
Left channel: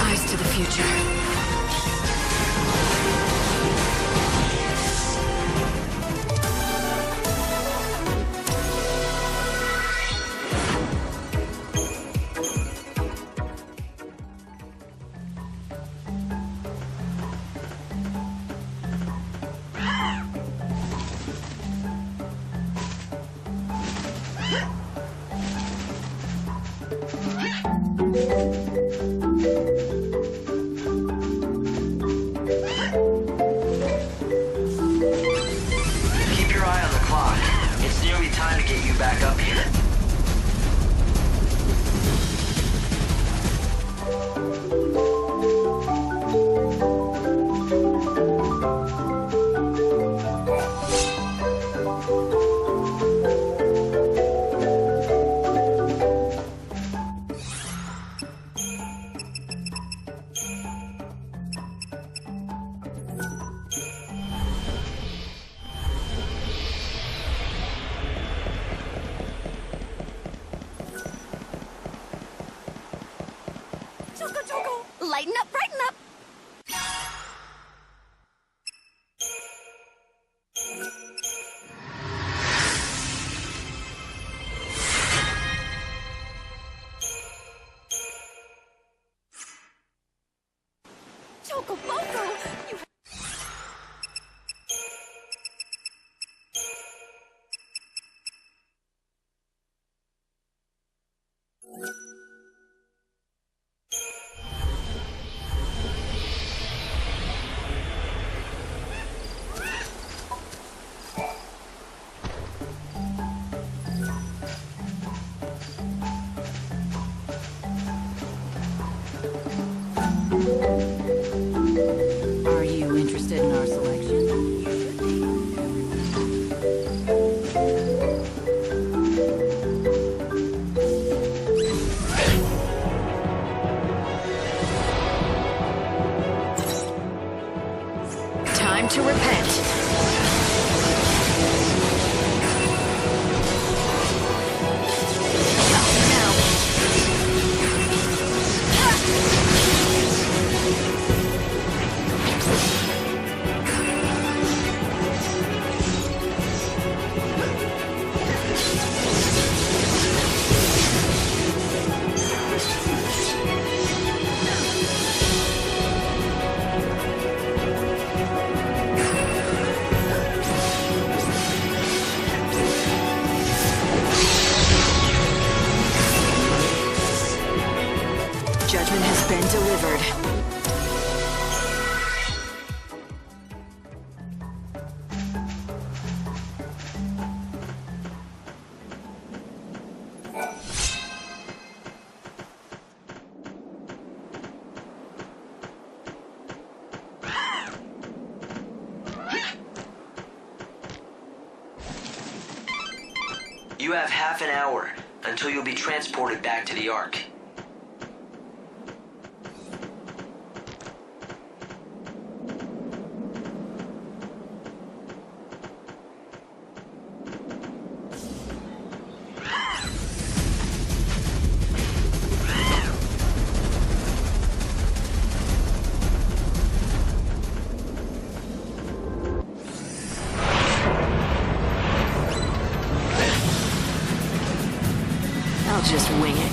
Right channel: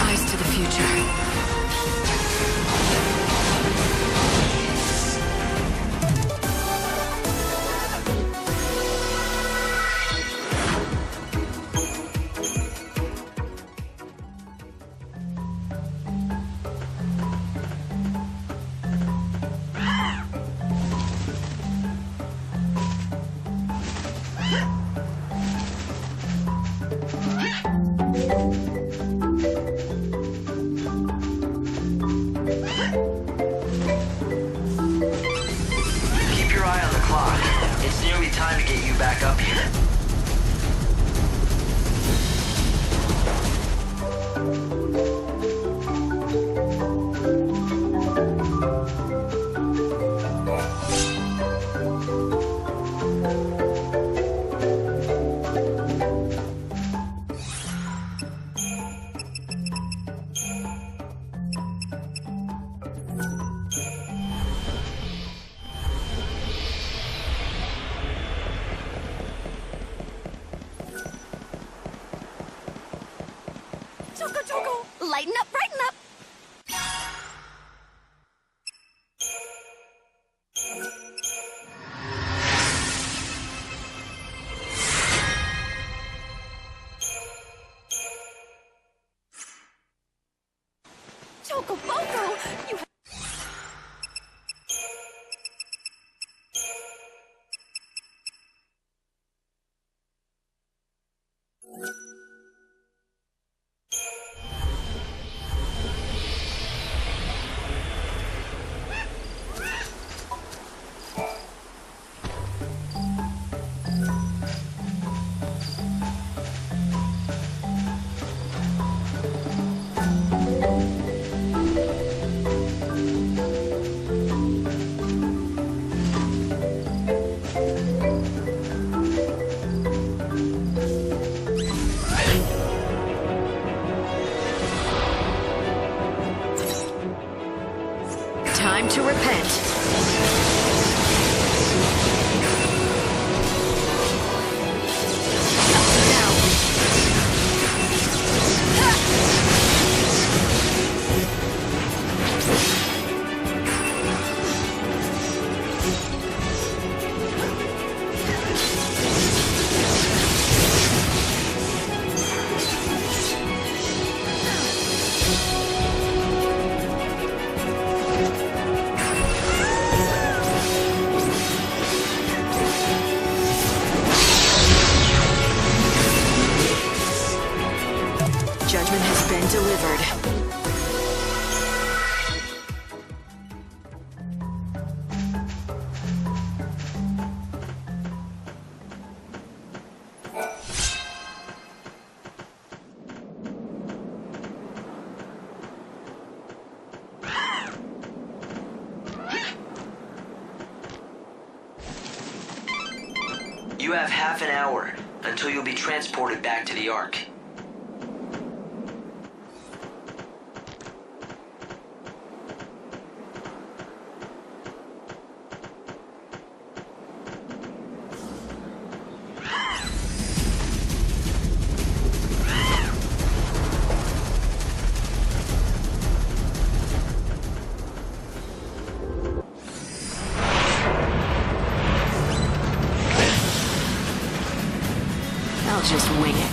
Eyes to the future. Keep your eye on the clock. It's nearly time to get you back up here. Choco, lighten up, brighten up. Chocoboco, you. Are you interested in our selection? Time to repent. Now. Judgment has been delivered. You have half an hour until you'll be transported back to the Ark. I'll just wing it.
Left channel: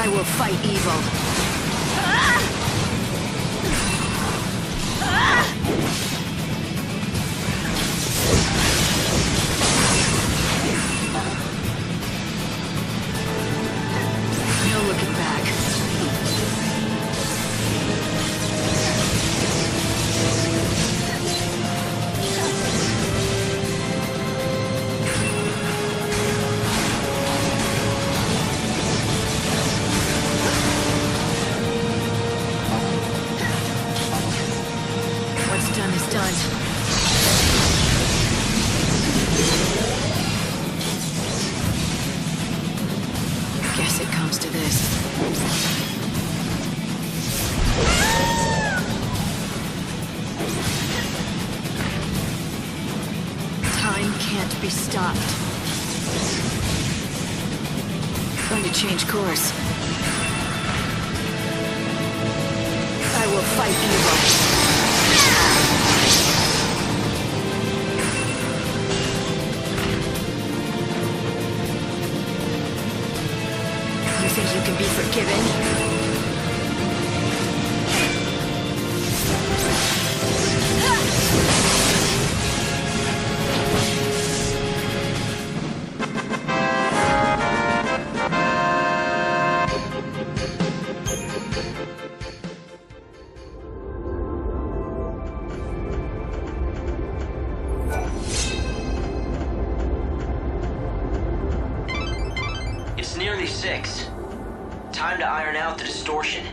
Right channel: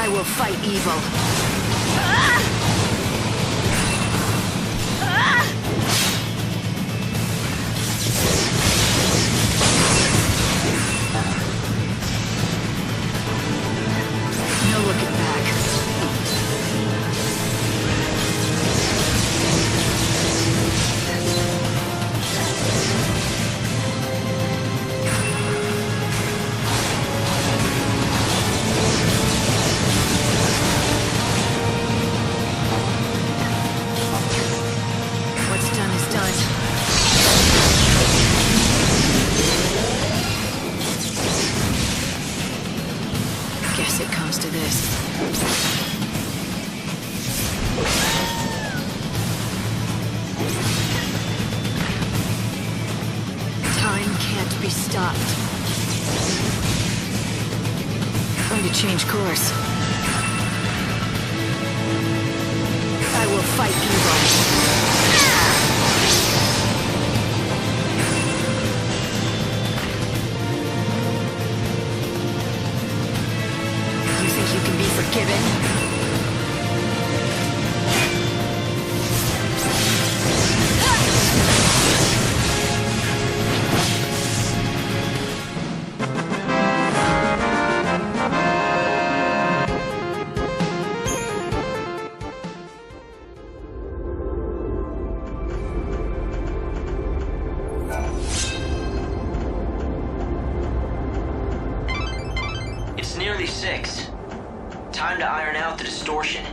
I will fight evil. No looking back. What's done is done. Guess it comes to this. Time can't be stopped. Going to change course. I will fight evil. You think you can be forgiven? It's nearly 6. Time to iron out the distortion.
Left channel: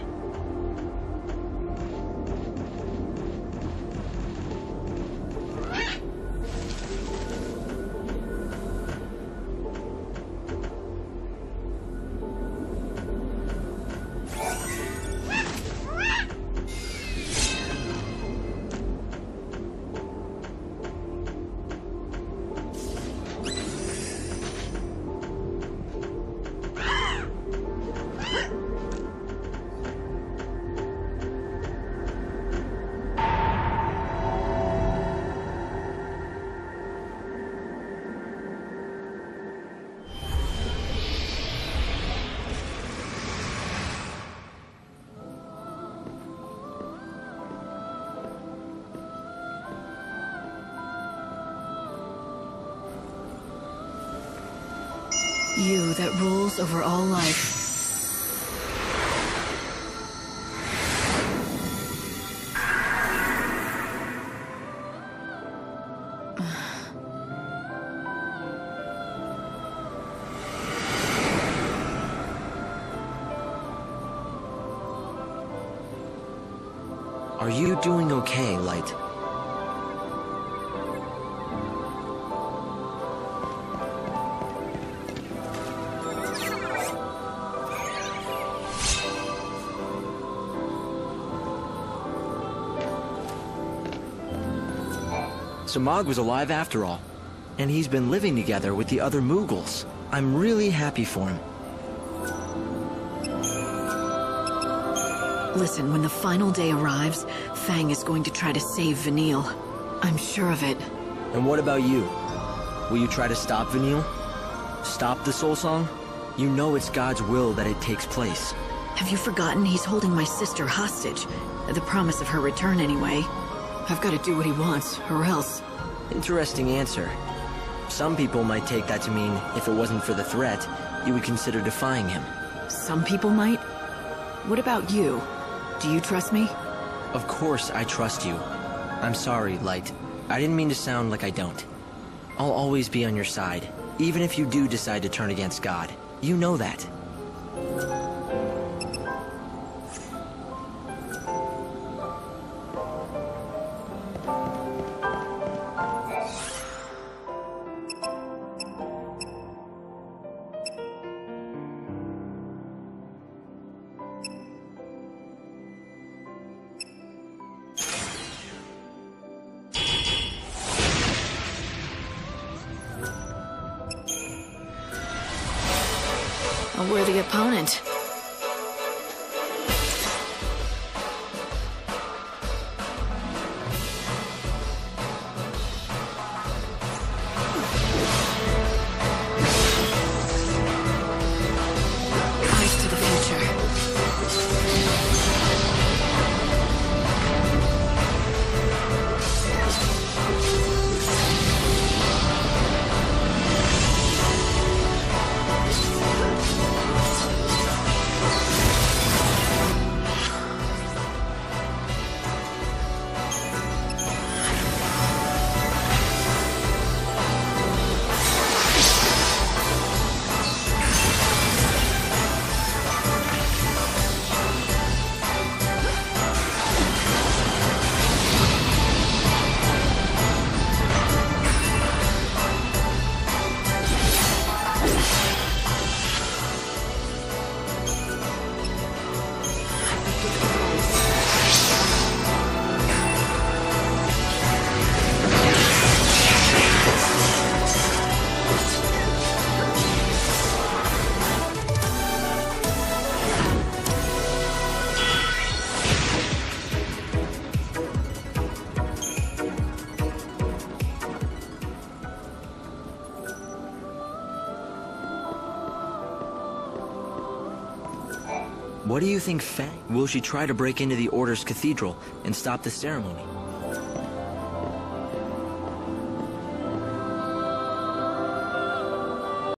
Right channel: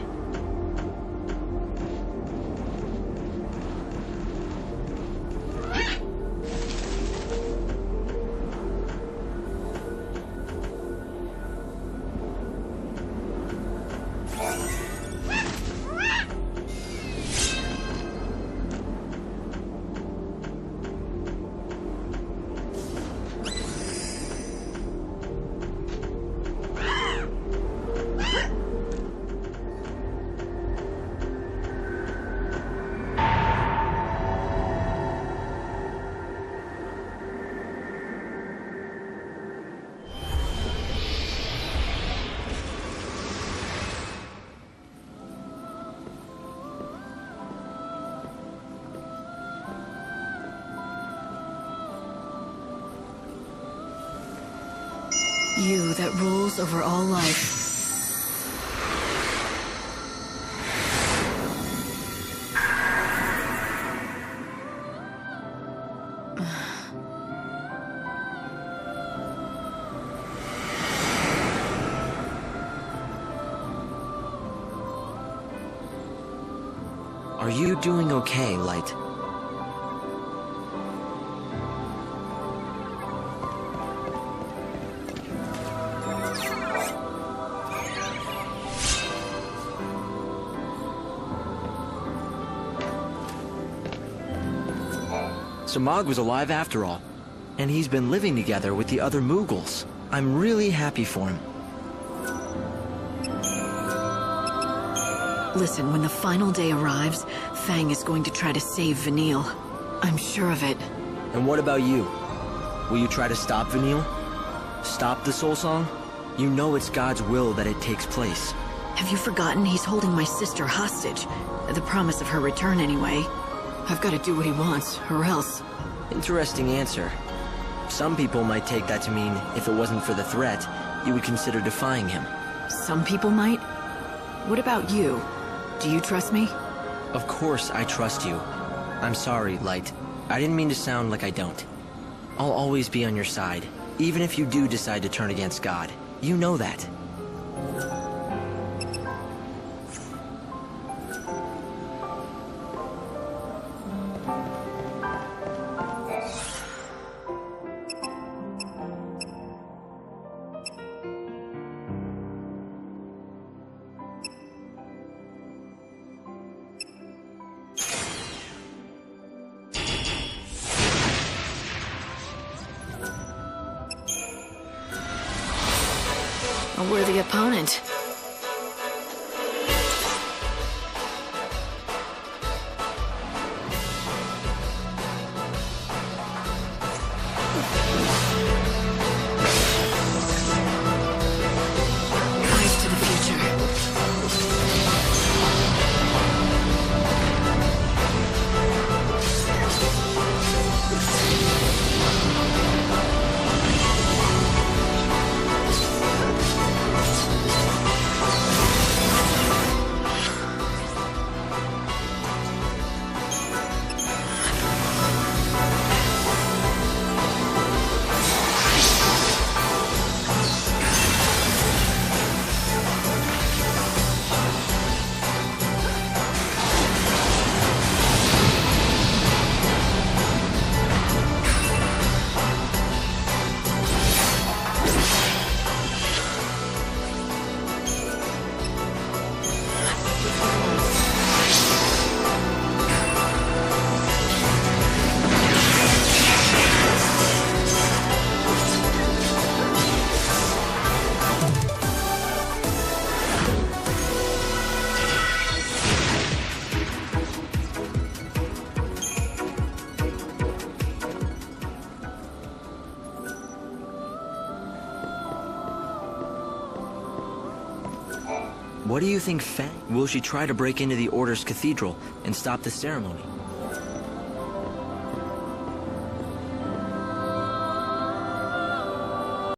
You that rules over all life. Are you doing okay, Light? So Mog was alive after all, and he's been living together with the other Moogles. I'm really happy for him. Listen, when the final day arrives, Fang is going to try to save Vanille. I'm sure of it. And what about you? Will you try to stop Vanille? Stop the Soul Song? You know it's God's will that it takes place. Have you forgotten he's holding my sister hostage? The promise of her return, anyway. I've got to do what he wants, or else. Interesting answer. Some people might take that to mean if it wasn't for the threat, you would consider defying him. Some people might? What about you? Do you trust me? Of course I trust you. I'm sorry, Light. I didn't mean to sound like I don't. I'll always be on your side, even if you do decide to turn against God. You know that. A worthy opponent. Eyes to the future. What do you think Fang? Will she try to break into the Order's cathedral and stop the ceremony?